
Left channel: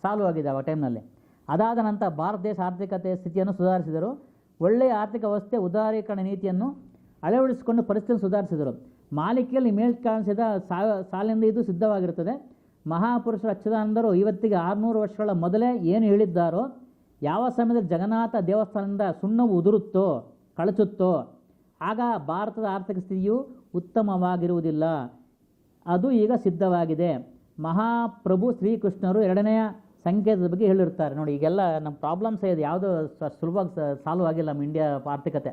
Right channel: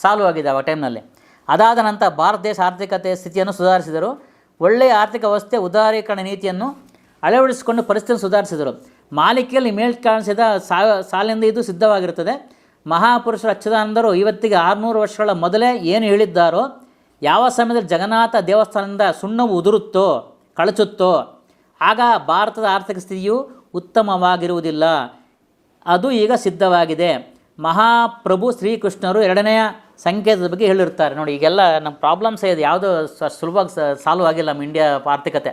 ಸಾಲ್ವ್ ಆಗಿದೆ ಆ ಟೈಮ್ನಲ್ಲಿ. ಅದಾದ ನಂತರ ಭಾರತ ದೇಶ ಆರ್ಥಿಕತೆ ಸ್ಥಿತಿಯನ್ನು ಸುಧಾರಿಸಿದರು. ಒಳ್ಳೆಯ ಆರ್ಥಿಕ ವ್ಯವಸ್ಥೆ, ಉದಾರೀಕರಣ ನೀತಿಯನ್ನು ಅಳವಡಿಸಿಕೊಂಡು ಪರಿಸ್ಥಿತಿಯನ್ನು ಸುಧಾರಿಸಿದರು. ಮಾಲಿಕೆಯಲ್ಲಿ ಮೇಲ್ ಕಾಣಿಸಿದ ಸಾ, ಸಾಲಿನಿಂದ ಇದು ಸಿದ್ಧವಾಗಿರುತ್ತದೆ. ಮಹಾಪುರುಷರ ಅಚ್ಯುತಾನಂದರು ಇವತ್ತಿಗೆ ಆರುನೂರು ವರ್ಷಗಳ ಮೊದಲೇ ಏನು ಹೇಳಿದ್ದಾರೋ, ಯಾವ ಸಮಯದಲ್ಲಿ ಜಗನ್ನಾಥ ದೇವಸ್ಥಾನದಿಂದ ಸುಣ್ಣವು ಉದುರುತ್ತೋ, ಕಳಚುತ್ತೋ, ಆಗ ಭಾರತದ ಆರ್ಥಿಕ ಸ್ಥಿತಿಯು ಉತ್ತಮವಾಗಿರುವುದಿಲ್ಲ. ಅದು ಈಗ ಸಿದ್ಧವಾಗಿದೆ. ಮಹಾಪ್ರಭು ಶ್ರೀಕೃಷ್ಣರು ಎರಡನೆಯ ಸಂಕೇತದ ಬಗ್ಗೆ ಹೇಳಿರ್ತಾರೆ ನೋಡಿ, ಈಗೆಲ್ಲ ನಮ್ಮ ಪ್ರಾಬ್ಲಮ್ಸ್ ಇದೆ ಯಾವುದೋ ಸುಲಭವಾಗಿ ಸಾಲ್ವ್ ಆಗಿಲ್ಲ ನಮ್ಮ ಇಂಡಿಯಾ ಆರ್ಥಿಕತೆ.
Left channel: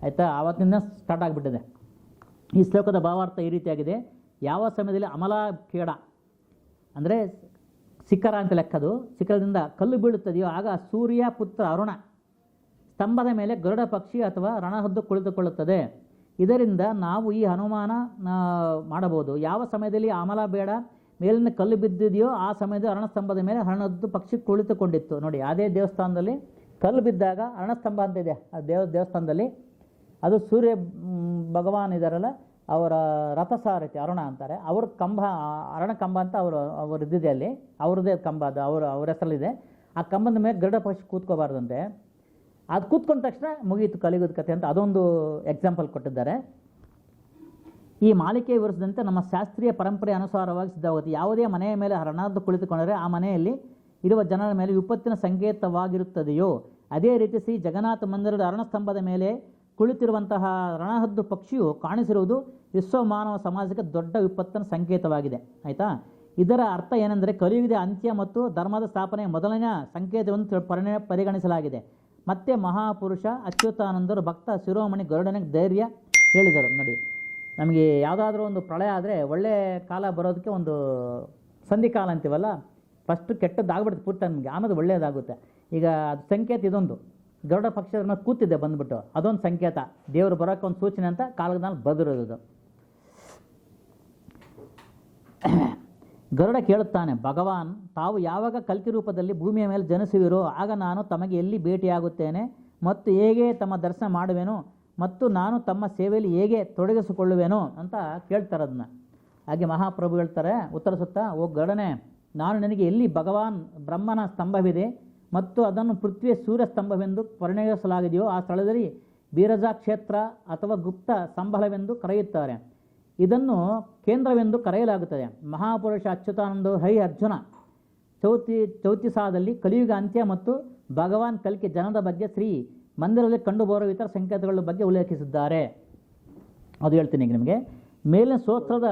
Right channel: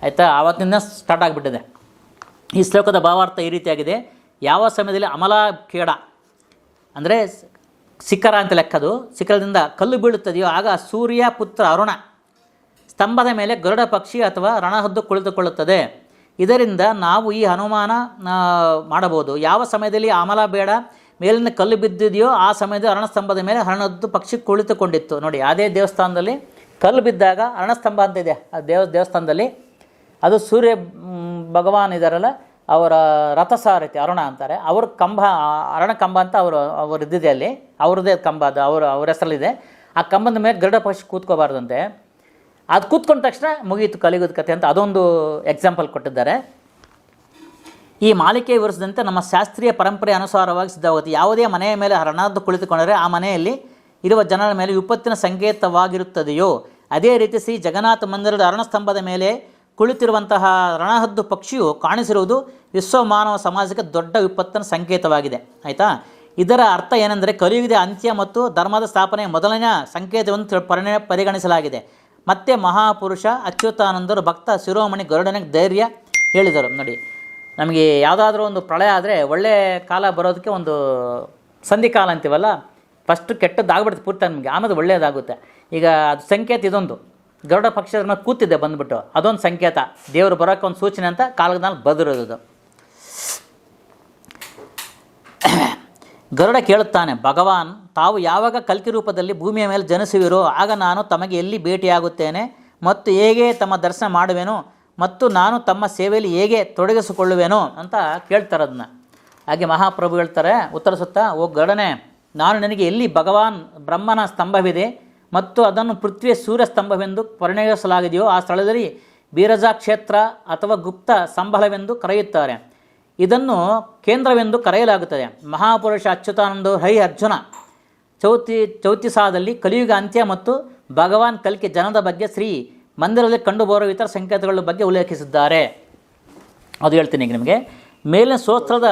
ಆಯಿತಾ? ಆವತ್ತಿಂದ ಸ್ಟಾರ್ಟ್ ಆಗಿಬಿಟ್ಟಿದೆ. ಈ ಶ್ಲೋಕದ ಭಾವಾರ್ಥ ಈ ರೀತಿಯಾಗಿದೆ. ಯಾವ ಸಮಯದಲ್ಲಿ ಅಮಲ ಖೇಡ ಅಂದರೆ ಶಿಖರ ಅಂತ ಲೆಕ್ಕದು ಶಿಖರದಿಂದ ಕಲ್ಲು ಬೀಳುತ್ತದೆಯೋ ಆಗ ಸೂರ್ಯ, ಪುತ್ರ, ಅರುಣ, ಸ್ತಂಭದ ಮೇಲೆ ಗರುಡ ಪಕ್ಷಿ ಅಥವಾ ರಣಹದ್ದು ಕುಳಿತುಕೊಳ್ಳುತ್ತದೆ. ಇದರಿಂದ ನಾವು ಈ ಅನುಮಾನ ಮಾಡಬಹುದು. ಯಾವ ಸಮಯದಲ್ಲಿ ಆಮಲ ಬೇಡ ಮೇಲಿನ ಕಲ್ಲು ಬಿದ್ದಿದೆಯೋ ಆ ಸಮಯದಲ್ಲಿ ಅರಣಸ್ತಂಭದ ಮೇಲೆ ಹರಣದ್ದು ಪಕ್ಷಿ ಕುಳಿತುಕೊಂಡಿತ್ತು. ನೋಡಿ, ಅದೇ ದೇವಸ್ಥಾನದಲ್ಲಿ ಕಲ್ಲು ಬಿದ್ದಾಗ ಅರಣಸ್ತಂಭ ಅಂತ ಇದೆ. ಆ ದೇವ, ದೇವಸ್ಥಾನದಲ್ಲಿ ಅದು ಸೂರ್ಯ ಭಗವಾನ್ ಇದ್ದಾರಲ್ಲ ಅವರ ರಥಸಾರಥಿ, ಅರುಣ ಅಂತಾರೆ. ಅವ್ರ ಕಂಬ ಅರಣ ಕಂಬ ಅಂತ ಅವರು ಅವ್ರು ಇದ್ದಿದೆ ಅಲ್ಲಿ. ಅವ್ರದ್ದೇ ಕಂಬ ಅದು, ಅವರು, ಅವ್ರ ಹೆಸರಲ್ಲಿದೆ. ಆ ಕಂಬದ ಮೇಲೆ ಗರುಡ ಪಕ್ಷಿ ಕೂತ್ಕೋಬಾರ್ದಂತೆ. ಅದು ಕೂತ್ಕೊಂಡ ತಕ್ಷಣ ಮುಗಿಯಿತು ಕಲಿಗೋದ ಕಥೆ ಅಂತ ಅದೊಂದು ಎಕ್ಸಾಂಪಲ್ ಕೊಟ್ಟಿದ್ದಾರೆ. ಈ ಮಾಲಿಕೆ ವಿವರಿಸಿದಂತೆ ನಮ್ಮ ಶಾಸ್ತ್ರೀಯ ಪರಂಪರೆ ಅನುಸಾರವಾಗಿ ಸಿದ್ಧವಾಗುತ್ತೆ ಯಾವುದೇ ಮನೆಯ ಮೇಲೆ ಹರಣದ್ದು ಕುಳಿತುಕೊಂಡರೆ ಆ ಮನೆಯಲ್ಲಿ ಇರುವ ಜನರ ಮೇಲೆ ವಿಪತ್ತಿನ ಸಂಕೇತವಾಗಿರುತ್ತದೆಯೋ, ಅದೇ ರೀತಿ ಶ್ರೀ ಜಗನ್ನಾಥ ಮಂದಿರದ ಅರಣಸ್ತಂಭದ ಮೇಲೆ ಕುಳಿತಿರುವಂತಹ ರಣಹದ್ದು ಪಕ್ಷಿಯು ಕಾಣಿಸಿರುವುದು ವಿಶ್ವ ಮಾನವ ಸಮಾಜಕ್ಕೆ ದೊಡ್ಡ ವಿಪತ್ತಿನ ಸಂಕೇತವಾಗಿದೆ. ಆಯಿತಾ? ಇದರ ಅರ್ಥ ಏನೆಂದರೆ ಕಲಿಯುಗದ ಅಂತ್ಯ ಮತ್ತು ಧರ್ಮದ ಸ್ಥಾಪನೆಯ ಮೊದಲನೆಯ ಸಂಕೇತವನ್ನು ಪರಿಣ ಪರಿಗಣಿಸಲಾಗಿದೆ. ಮತ್ತೆ ಮಹಾಪುರುಷ ಅಚ್ಯುತಾನಂದರು ಭಕ್ತ ಶಿರೋಮಣಿ ಗರುಡನಿಗೆ ಧೈರ್ಯ ಹೇಳಿದರು. ನೋಡಿ, ನಮಗೆ ಯಾವುದಾದ್ರೂ ಒಂದು ಪ್ರಳಯ ಆದರೆ ಒಳ್ಳೆಯ ಕಾಲ ಬರೋದಕ್ಕೆ ಒಂದು ಸಂಧಿಕಾಲ ಅಂತೀವಲ್ಲ ಫಸ್ಟು ಕೆಟ್ಟದ್ದಾಗ್ಬಿಡುತ್ತೆ ಪೂರ್ತಿ ನಮಗೆ, ಆಮೇಲೆ ಒಳ್ಳೆಯದಾಗುತ್ತೆ ಈಗ ಅದು ಸಂಕೇತ ಇದೊಂದು. ಗರುಡ ಪಕ್ಷದ ಮೇಲೆ ಕೂತಿದ್ದೆ ಬಂದುಬಿಟ್ಟು, ಅದೊಂದು ಸಂಕೇತ. ದೇವರು ಬರೋಕ್ಕೆ ಒಂದು ಸೂಚನೆ ಅಂತ ಕಾಲದಲ್ಲಿ ಬದಿರೋದು ಗರುಡ ಕೇಳುತ್ತಾನೆ, ಭಗವಾನ್, ತಾವು ಯಾವಾಗ ಕಲ್ಕಿ ರೂಪದಲ್ಲಿ ಭೂಮಿಯ ಮೇಲೆ ಜನಿಸುವಿರೋ, ಆಗ ನಾನು ತಮಗೆ ಎಲ್ಲಿ ಭೇಟಿಯಾಗುತ್ತೇನೆ ಮತ್ತು ಹೇಗೆ ತಮ್ಮ ದರ್ಶನ ಮಾಡುವೆನೋ ಮತ್ತು ನಾನು ತಮ್ಮ ಸೇವೆಯಲ್ಲಿ ಹೇಗೆ ತೊಡಗಿಸಿಕೊಳ್ಳುವೆನೋ? ಅಂತ ಕೇಳ್ತಾರೆ ಅದನ್ನ ಹಾಗೆ ಮಹಾಪ್ರಭು ಹೇಳ್ತಾರೆ ಉತ್ತರಿಸುತ್ತಾ ಓ ಗರುಡನೆ, ನಾನು ನನಗೆ ಎಲ್ಲಿ ಭಗವಾನ್ ಬ್ರಹ್ಮನ ಸ್ತಂಭವಿದೆ ಮತ್ತು ಅದನ್ನು ಪೃಥ್ವಿಯ ಸೂರ್ಯ ಸ್ತಂಭವೆಂದು ಪರಿಣಯಿಸಲಾಗಿದೆಯೋ ಆ ಸ್ಥಳದಲ್ಲಿ ಬೀರಜಾ ಕ್ಷೇತ್ರ ಅಥವಾ ಗುಪ್ತ ಸಂಬಳವೆಂದು ಕರೆಯುತ್ತಾರೆ. ಇದನ್ನು ಕೇಂದ್ರವೆಂದು ಕರೆಯಲಾಗುತ್ತದೆ. ಮಹಾಪುರುಷ ಅಚ್ಯುತಾನಂದ ಹೈ ಅರ್ಜುನ ಚೌತಿ, ಚೌತಿಸಾದಲ್ಲಿ ಕಲಿಯುಗ ಅಂತ್ಯ ಮತ್ತು ಭಗವಾನ್ ಕಲ್ಕಿ ಜನದ ಬಗ್ಗೆ ಶ್ರೀ ಮಂದಿರದಲ್ಲಿ ಕಂಡುಬರುವ ಇತರ ಸಂಕೇತಗಳ ಬಗ್ಗೆ ಉಲ್ಲೇಖಿಸಿದ್ದಾರೆ. ಅದು ಹೇಳ್ತೀನಿ ಈಗ ನಿಮಗೆ. ಮೇಲಿನ ಸ್ತೋತ್ರದ